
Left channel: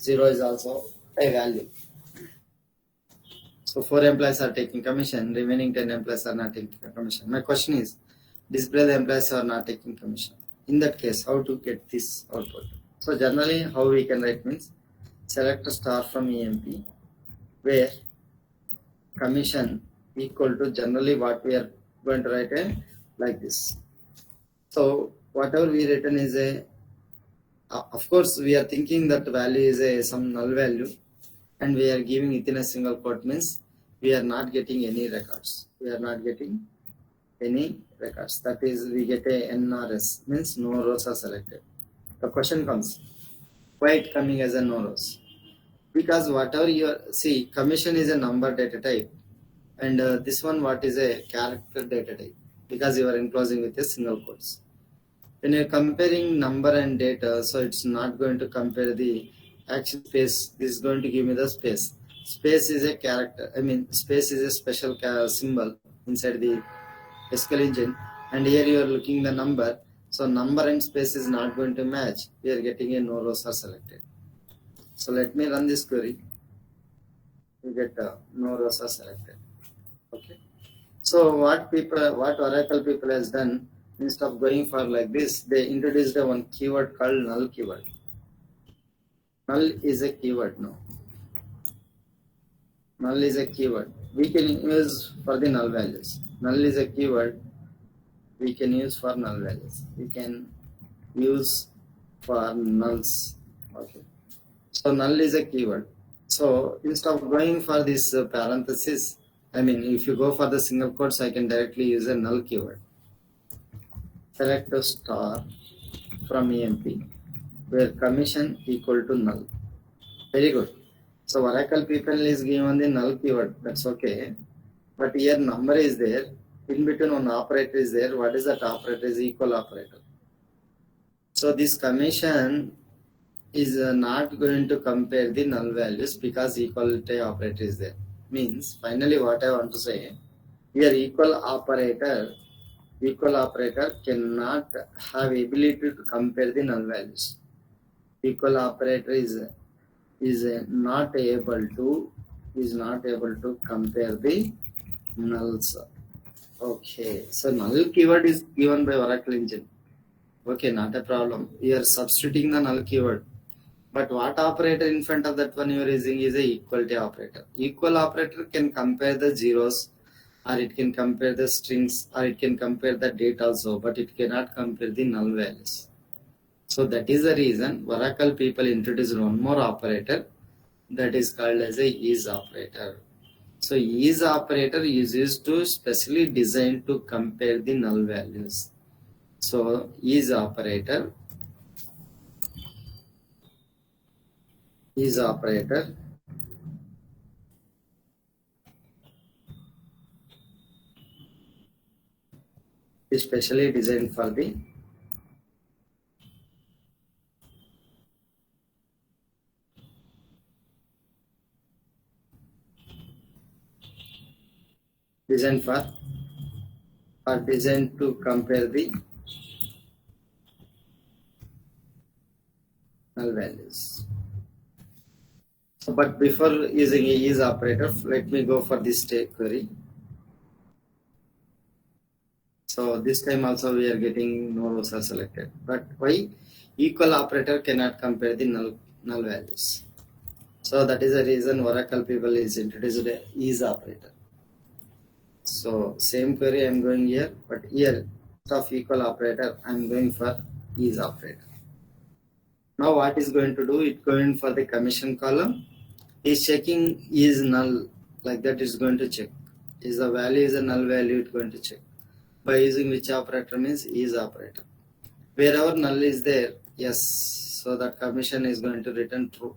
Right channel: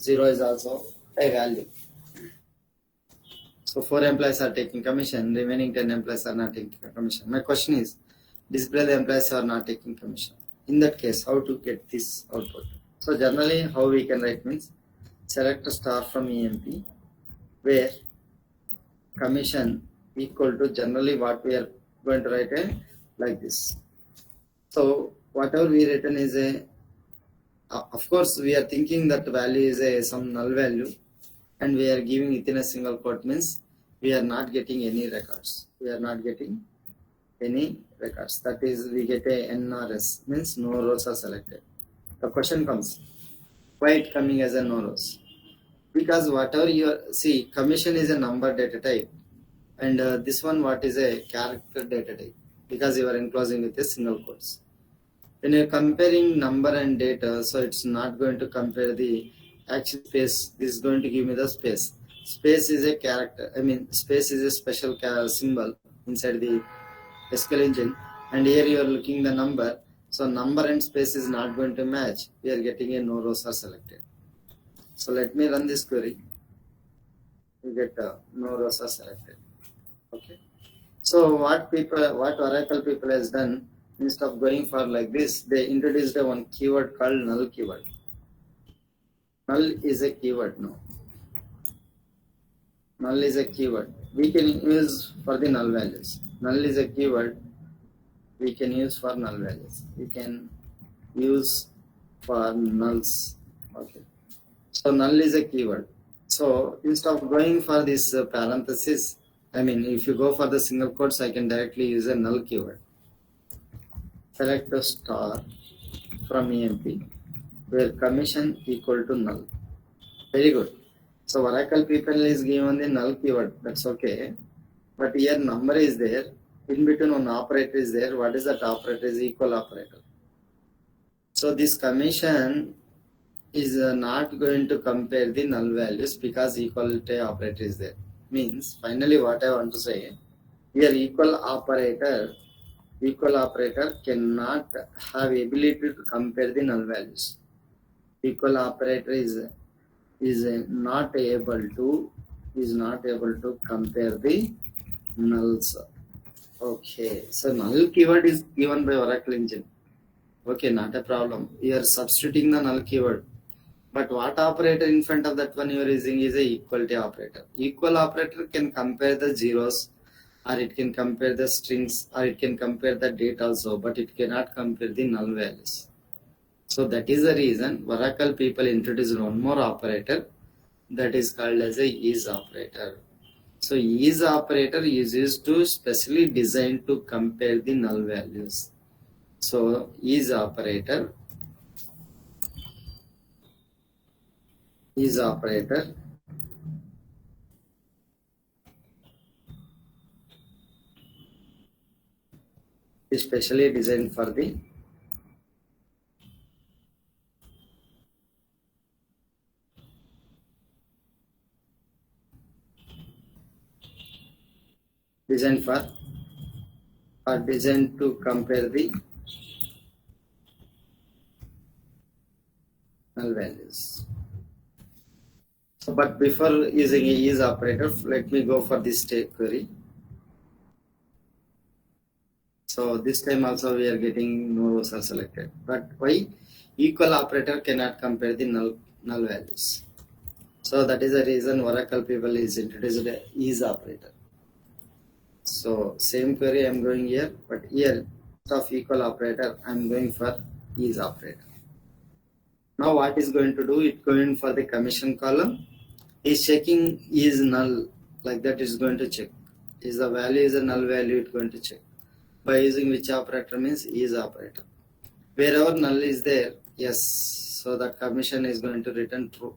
0 is also a value. So 4 employees are taking commission, remaining 10 employees are not taking commission. My question is, display the employees who are not taking commission. In that case, how to get this output? So generally, how we can write means, select a star from EMP where commission equal to generally what we are going to write like this. So whatever we written is a, of course we are thinking that value is a some null value and we are giving it in a single quote means we are not getting any records. We are not getting any records. That is, we get a NRS means no rows are selected. The question comes, why it coming as a no rows? Because whatever you are, see, commission is a number data type and this one what is a character data type because you are enclosing with a single quotes. When you're comparing number and data, so it's not going to compare the actual space. This is going to give me the space. Space is a character. I mean, space is a special symbol inside the SQL engine. And here you are looking the number. So number and space is not going to match. We are getting a no rows are selected. So let me run this query. You get no rows are selected. Okay. So what Oracle people has done, instead of going for like this, they introduced a one keyword called null keyword. Null is a keyword now. Null is a keyword. We can use for the null values. Null is a keyword we can use for null values. We can use for nulls. Okay. So null is a keyword. So instead of going for this parenthesis, I mean, if you go for the single quotes, I can directly use a null keyword. Select a star from EMP where commission equal to null. Very good. So Oracle people is given the null keyword. That's okay. But here number is there. In between one operator is there. What is that operator? Is equal operator. So this commission is not going to compare the null values because equality operator is there. Means finally what I want to say, here equal operator cannot have ability to compare the null values. Equal operator is not able to compare the nulls. Okay, so null keyword is given by Oracle engine. Okay, not a problem. You are substituting the null keyword. But what operator in front of that one you are using is a equality operator. Equal operator can compare the zeros, or it can compare the strings, or it can compare the date also, but it cannot compare the null values. So that is the reason Oracle people introduced one more operator that is called as a is operator. So is operator is used to specially designed to compare the null values. So is operator is specially designed for the designed for or designed to compare the null values. So, but before using a is operator, let me go for this query. So this time also we are getting no rows are selected. But why? Equal operator cannot compare the null values. So that is the reason Oracle people is introduced a is operator. So same query I am going here, but here instead of equal operator I am going for is operator. Now what is going to do? It going for the commission column. Is checking is null, like that is going to check. Is the value is a null value, it's going to check. By using which operator means is operator. Wherever null is there, yes, so that commission is going to return true.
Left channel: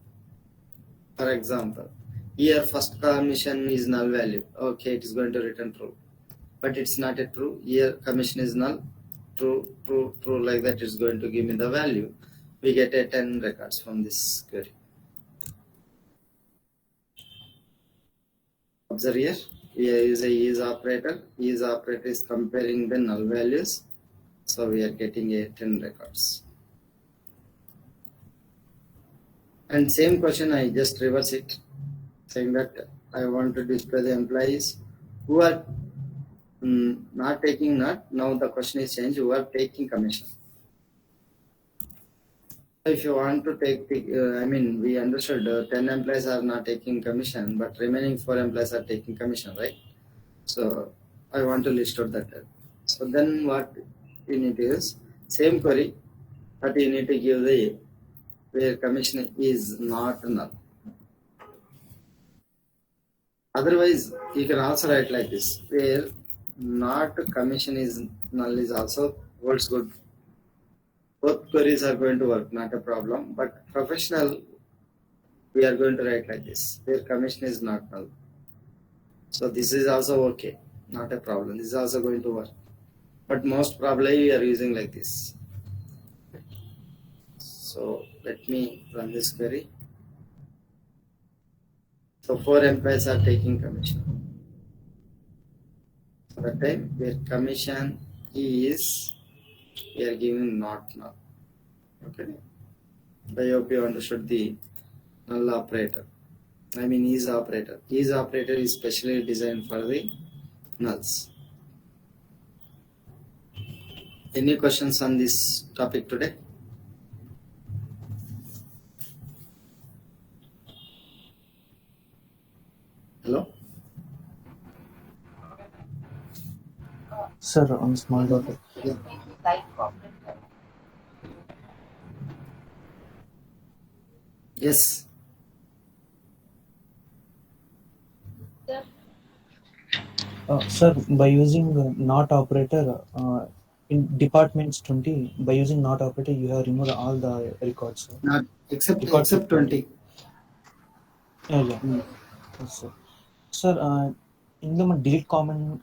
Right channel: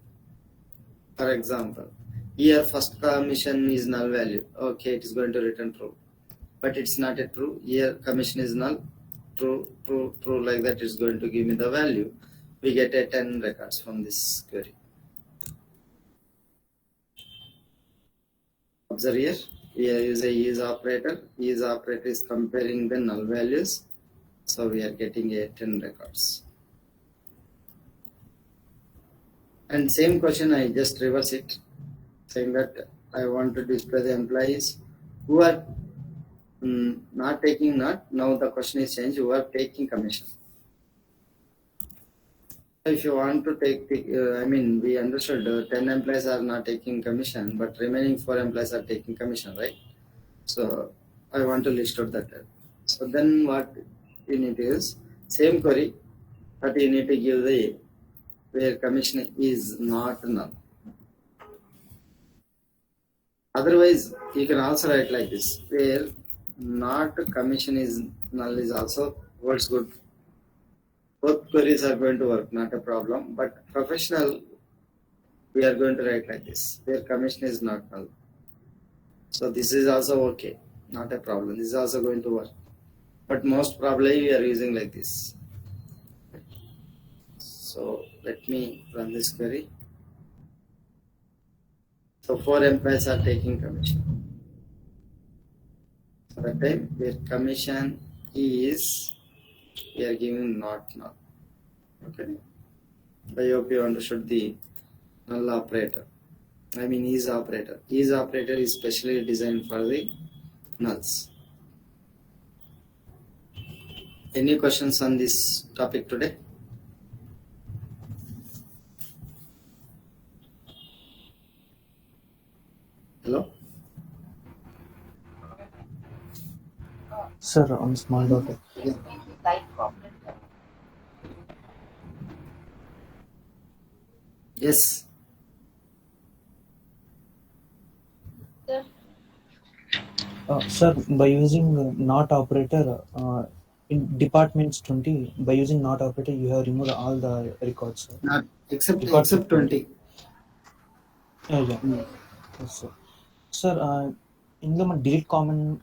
For example, here first commission is null value. Okay, it is going to return true. But it's not a true. Here commission is null. True, true, true, like that is going to give me the value. We get a 10 records from this query. Observe here, we use a is operator. Is operator is comparing the null values. So we are getting a 10 records. And same question, I just reverse it, saying that I want to display the employees who are not taking not. Now the question is changed, who are taking commission. If you want to take the, we understood 10 employees are not taking commission, but remaining 4 employees are taking commission, right? So I want to list out that. So then what you need to use, same query, but you need to give the where commission is not null. Otherwise, you can also write like this, where not commission is null is also works good. Both queries are going to work, not a problem. But professional, we are going to write like this, where commission is not null. So this is also okay, not a problem. This is also going to work. But most probably we are using like this. So let me run this query. So 4 employees are taking commission. So that time where commission is, we are giving not null. Okay. I hope you understood the null operator. Is operator. Is operator is specially designed for the nulls. Any questions on this topic today? Hello? Sir, on small topic. Yeah. Yes. Sir, by using not operator in departments 20, by using not operator, you have removed all the records. Sir. Not except 20. Yeah. Yes, sir. Sir, in the delete command.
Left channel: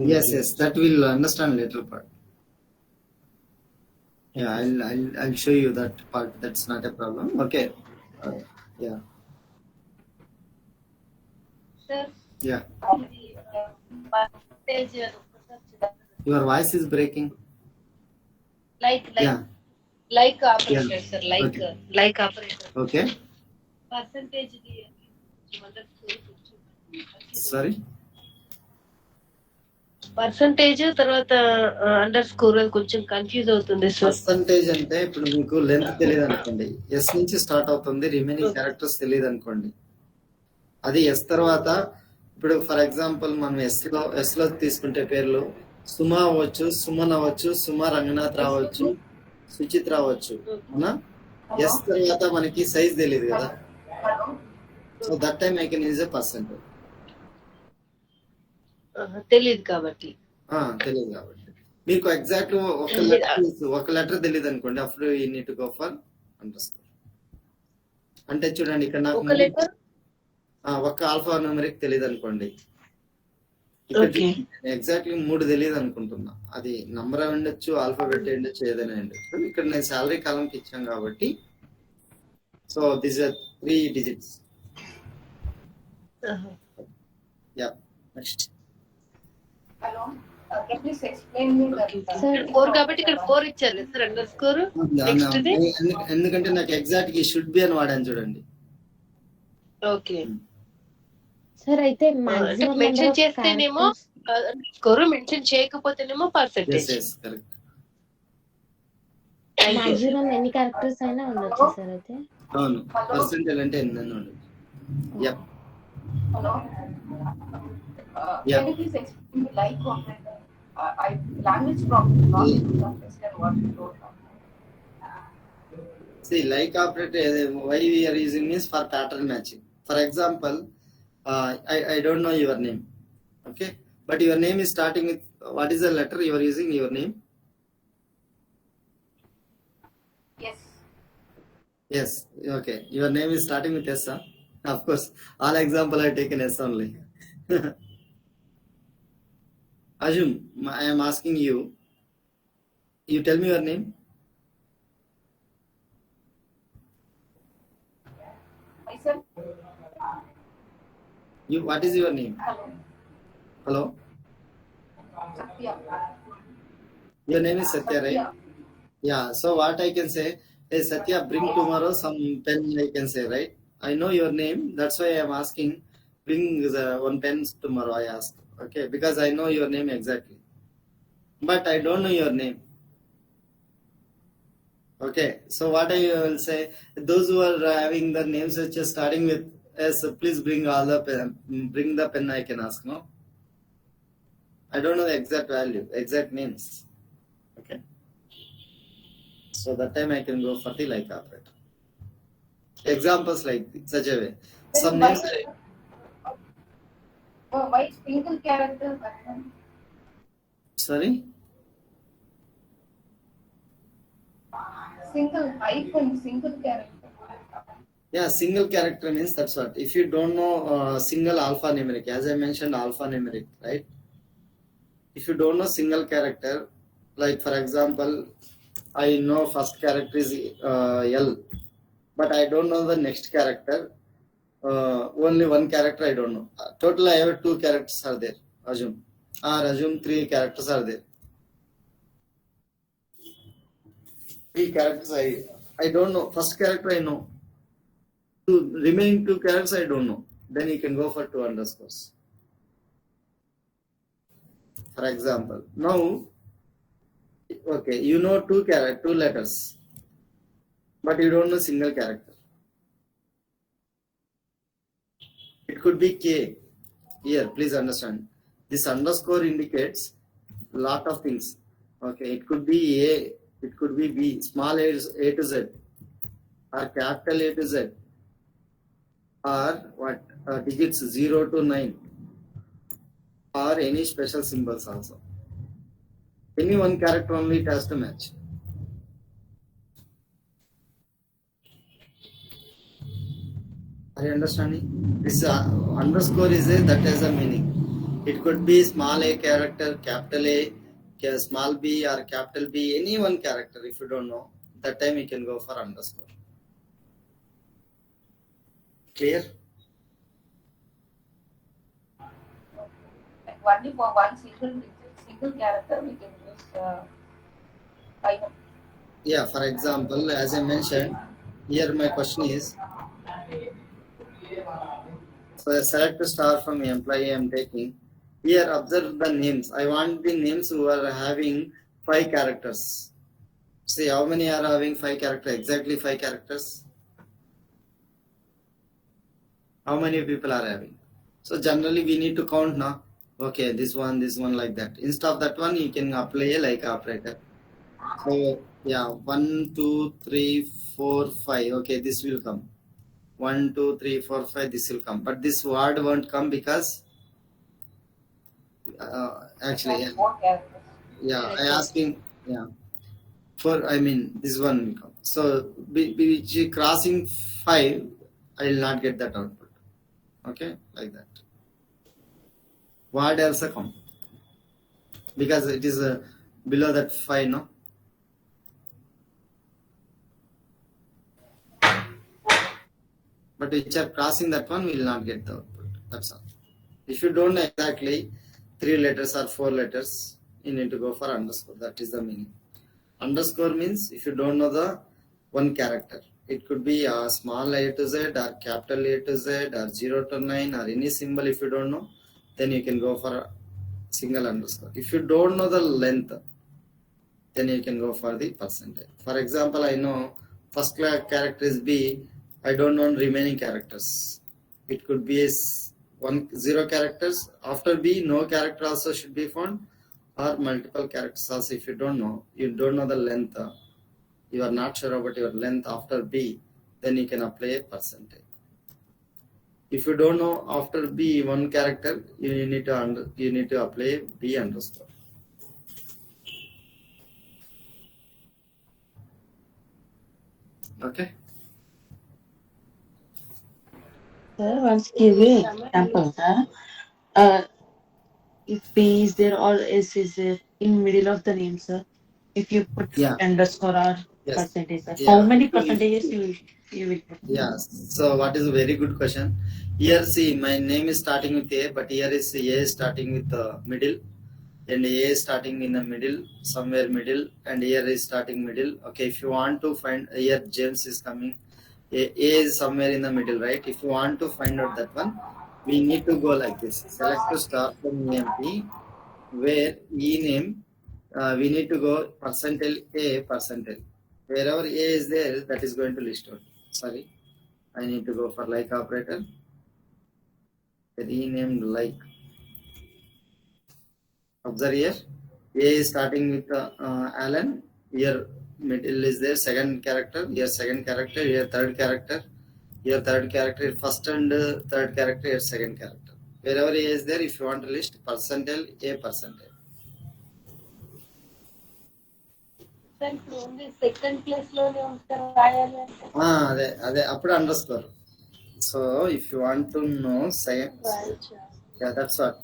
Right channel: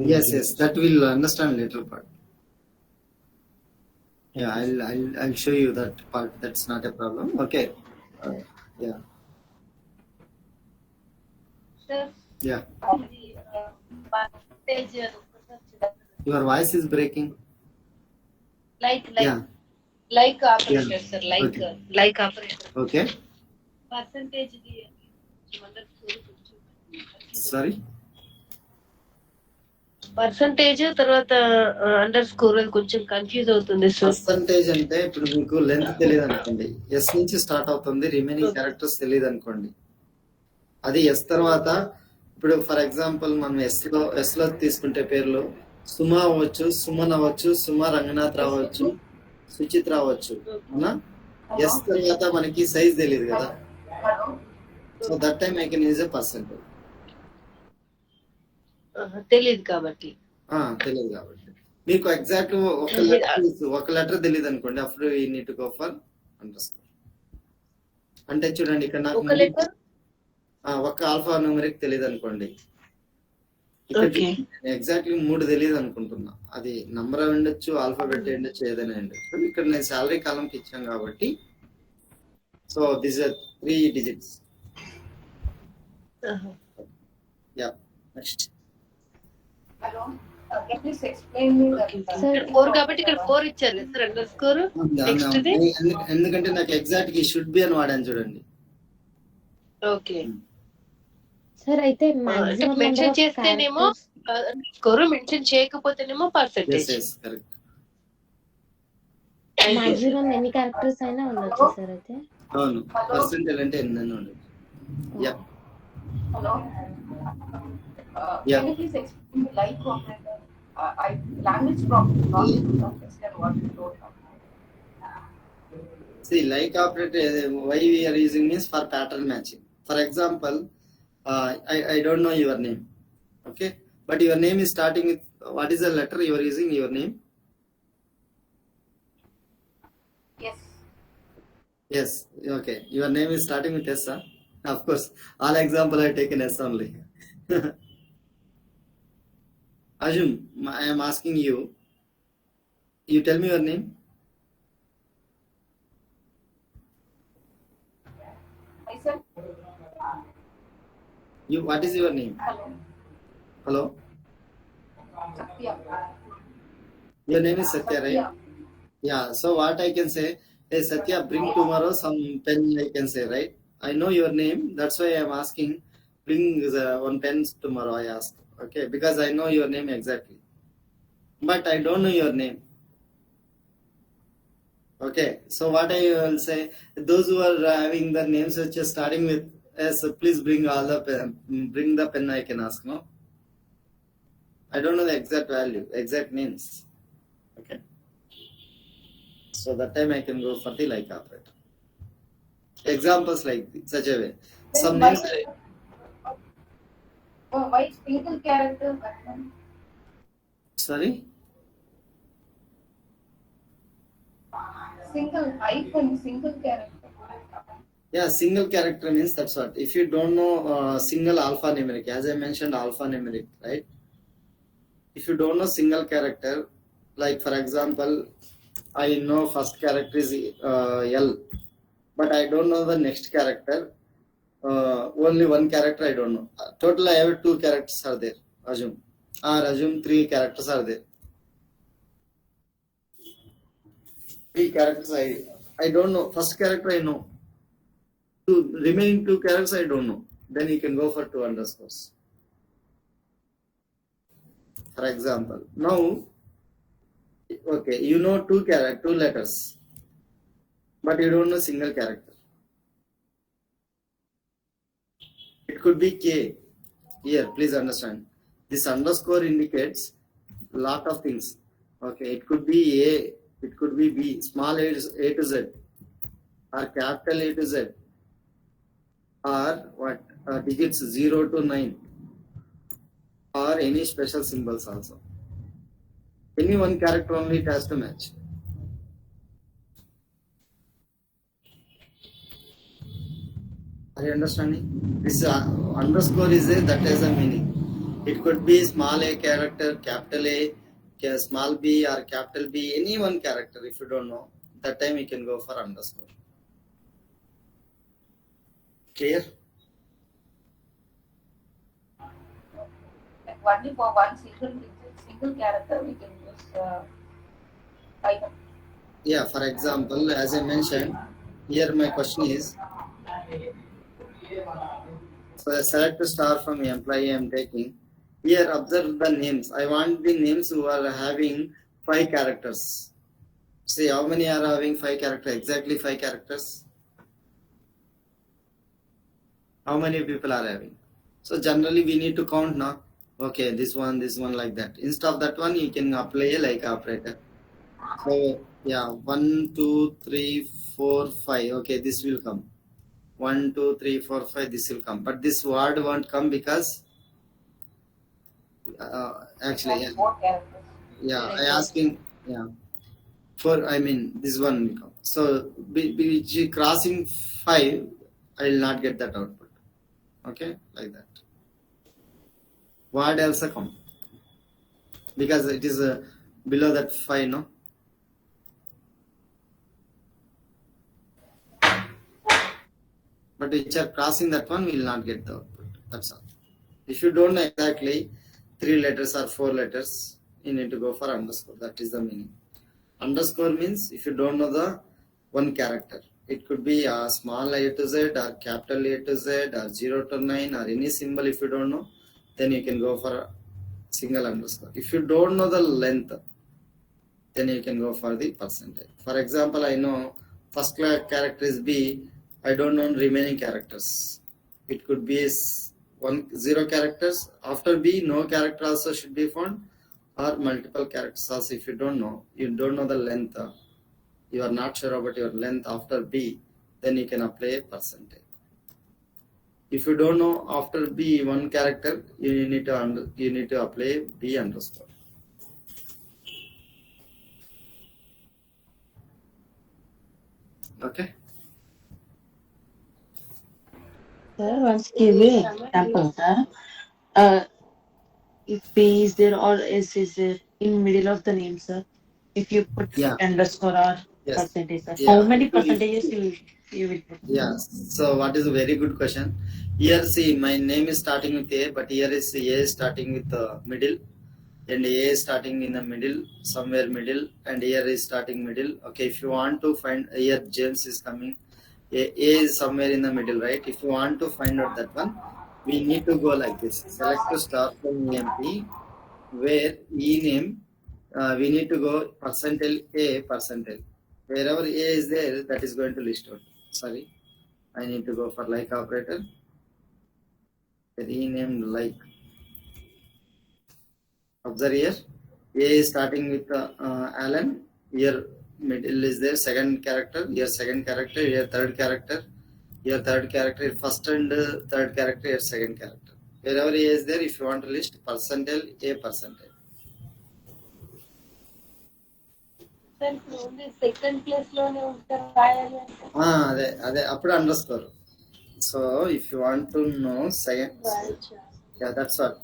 Yes, that will understand later part. Yeah, I'll show you that part. That's not a problem. Okay. Yeah. Sir, Yeah. percentage, Your voice is breaking. like Yeah. operator, Yeah. sir, Okay. like operator. Okay. Percentage Sorry. Percentage తర్వాత under score కొంచెం confuse అవుతుంది sir. Percentage అంటే ఇప్పుడు మీకు length తెలియదు అనుకోండి, yes నుంచి start అవుతుంది, రిమైనింగ్ క్యారెక్టర్స్ తెలియదు అనుకోండి, అది ఎస్ తర్వాత ఇప్పుడు ఫర్ ఎగ్జాంపుల్ మనం ఎస్ లో తీసుకుంటే పేర్లు సుమా అవ్వచ్చు, సుమన్ అవ్వచ్చు, సుమా రంగనాథ్ రావచ్చు, సుచిత్ రావచ్చు, అవునా? ఎస్ తర్వాత మనకి సైజ్ తెలియదు కదా, so that time I can use a percentage. తెలియదు కాబట్టి మీకు ఎగ్జాక్ట్ ఒక లెటర్ తెలియదు అనుకోండి, అప్పుడు you need to go for under score. అంటే చూడండి ఇక్కడ నాకు ఒక ఆల్ఫా న్యూమరిక్ తెలియదు అనుకోండి, ఎగ్జాక్ట్లీ 3 తెలియదు అనుకుంటున్నా, అది నంబర్ అయి ఉండొచ్చు, ఆల్ఫాబెట్ అయి ఉండొచ్చు, ఏదైనా ఉండొచ్చు. ఇక్కడ నేను శాలరీ కాలంకి ఇచ్చాను కాబట్టి so this are 3 digits. Yeah. Next. Hello. Can you please explain me that? Sir, 4 కాబట్టి ఇక్కడ 4 ఇచ్చారు కదా sir under score next the ఎందుకంటే నాకు ఎగ్జాక్ట్ గా షుడ్ బి అని వాడాను చూడండి. ఓకే సార్ అయితే అంటే మాక్సిమం మెన్షన్ చేస్తేనేమో స్కోర్, మెన్షన్ చేయకపోతేనేమో పర్సెంటేజ్. కరెక్ట్. మాక్సిమం ఎన్ని క్యారెక్టర్స్ అయినా ఉండొచ్చు సార్ అయితే. అవును, పర్సెంటేజ్ అంటే ఎన్ని ఉండదు. Yeah. Hello. Yeah. Can you please explain the like operator? Language problem not able to understand what you told now. See, like operator, why we are using is for pattern matching. For example, I don't know your name, okay? But your name is starting with what is the letter you are using your name? Yes. Yes, okay. Your name is starting with S, huh? Of course, all example I taken S only. Arjun, I am asking you. You tell me your name. I said. You. What is your name? Hello. Hello. Satya. Your name is Satya, right? Satya. Yeah. So what I can say, hey Satya, bring tomorrow some pen. I can say, right? I know your name. That's why I am asking. Bring one pen tomorrow. I ask. Okay, because I know your name exactly. But I don't know your name. Okay. So what I will say, those who are having the names which are starting with S, please bring all the pen. Bring the pen. I can ask. No. I don't know the exact value, exact names. Okay. So that time I can go for the like operator. Examples like such a way. Some names. Why single character? Sorry. Single icon, single character. Yeah, single character means that's what. If you don't know single alphanumeric, as I mentioned, alphanumeric, right? If you don't know single character, like for example, I know first character is L, but I don't know the next character. Only one character I don't know. Total, I have 2 characters are there. Assume 3 characters are there. 3 characters I don't know. First character I know. Remaining 2 characters I don't know. Then you can go for 2 underscores. For example, now, okay, you know 2 letters, but you don't know single character. It could be K. Here, please understand. This underscore indicates lot of things. Okay, it could be A, it could be B, small a to Z, or capital A to Z, or what digits 0 to 9, or any special symbols also. Any one character only it has to match. Are you understanding? This underscore is that has a meaning. It could be small a character, capital A, small b, or capital B, any one character. If you don't know, that time you can go for underscore. Clear? Like only for one single character we can use icon. Yeah, for example, as I mentioned, here my question is, for select a star from employee I am taking. Here observe the names. I want the names who are having 5 characters. See how many are having 5 characters? Exactly 5 characters. How many people are having? So generally we need to count now. Okay, this one like that. Instead of that one, you can apply a like operator. So yeah, 1, 2, 3, 4, 5. Okay, this will come. 1, 2, 3, 4, 5. This will come, but this word won't come because actually yeah, I asking for this one will come. So which crossing 5, I will not get that output. Okay, like that. Word also come because it is below that 5, no. But which are crossing that one, we will not get the output. That's all. If you don't know exactly 3 letters or 4 letters, you need to go for underscore. That is the meaning. Underscore means if you don't know the one character, it could be a small A to Z or capital A to Z or 0 to 9 or any symbol. If you don't know, then you can go for a single underscore. If you don't know the length, then you can go for the percentage. For example, I know first character is B. I don't know remaining characters. It could be 0 characters. After B, no character also should be found, or multiple characters also. If you don't know the length, you are not sure about your length after B, then you can apply a percentage. If you don't know after B one character, you need to apply B underscore. Okay. Sir, once give an example, sir. If P is there or S is there in middle of the name, sir. If you put Yeah. underscore or Yes. percentage, sir. Yeah. How many percentages you will put? Yeah. So what is a very good question. Here see, my name is starting with A, but here is A is starting with the middle, and A is starting in the middle, somewhere middle, and here is starting middle. Okay, if you want to find here James is coming, A is somewhere in the middle, right? If you want to find out that one, we need to go like this. Select to start from EMP, where E name, we need to go percentile A percentile. Wherever A is there, that is going to list out. Sorry, I need to go for like operator. Rename like. Observe here. A is starting with Alan. Here middle is there, second character. Here second character. Here third character. Here third character. Here first and third character. Here second character. Wherever A is there, if you want to list percentile, A percentile. Only second place లోనే ఉంటారు రాయాలి అంటే అదే అప్పుడు underscore. So if you want to know second, yeah, that's what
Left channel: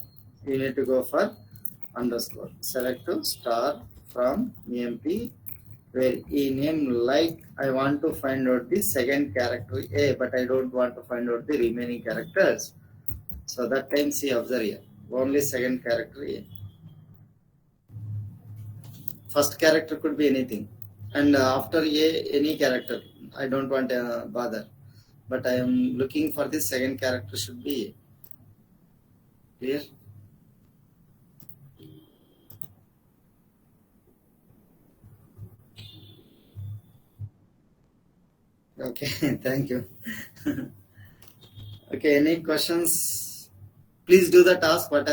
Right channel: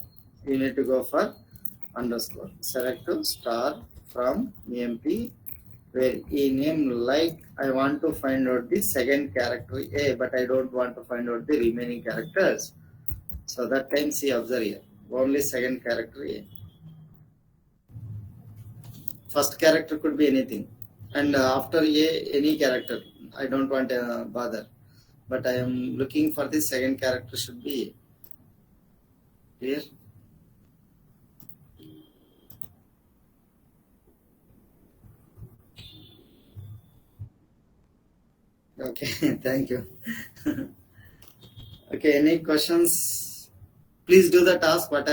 you need to go for underscore. Select to start from EMP, where E name like I want to find out the second character A, but I don't want to find out the remaining characters. So that time see, observe here, only second character A. First character could be anything, and after A any character. I don't want to bother, but I am looking for the second character should be A. Clear? Okay, thank you. Okay, any questions? Please do the task what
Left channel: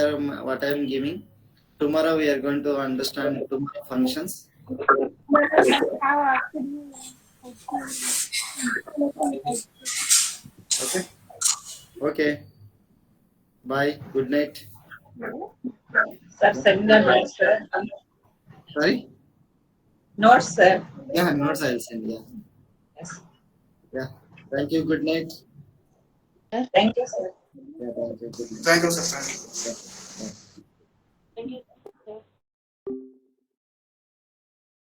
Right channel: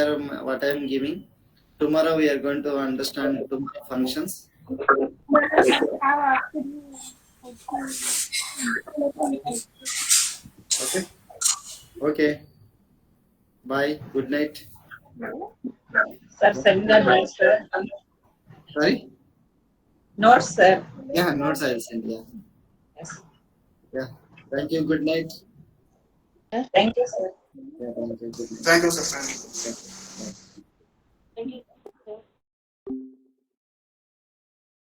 I am giving. Tomorrow we are going to understand tomorrow functions. Okay. Okay. Bye. Good night. Sir, send the notes, sir. Sorry? Notes, sir. Yeah, notes I will send. Yeah. Yes. Yeah. Thank you. Good night. Thank you, sir. Yeah, thank you. Good night. Thank you, sir. Thank you. Yeah.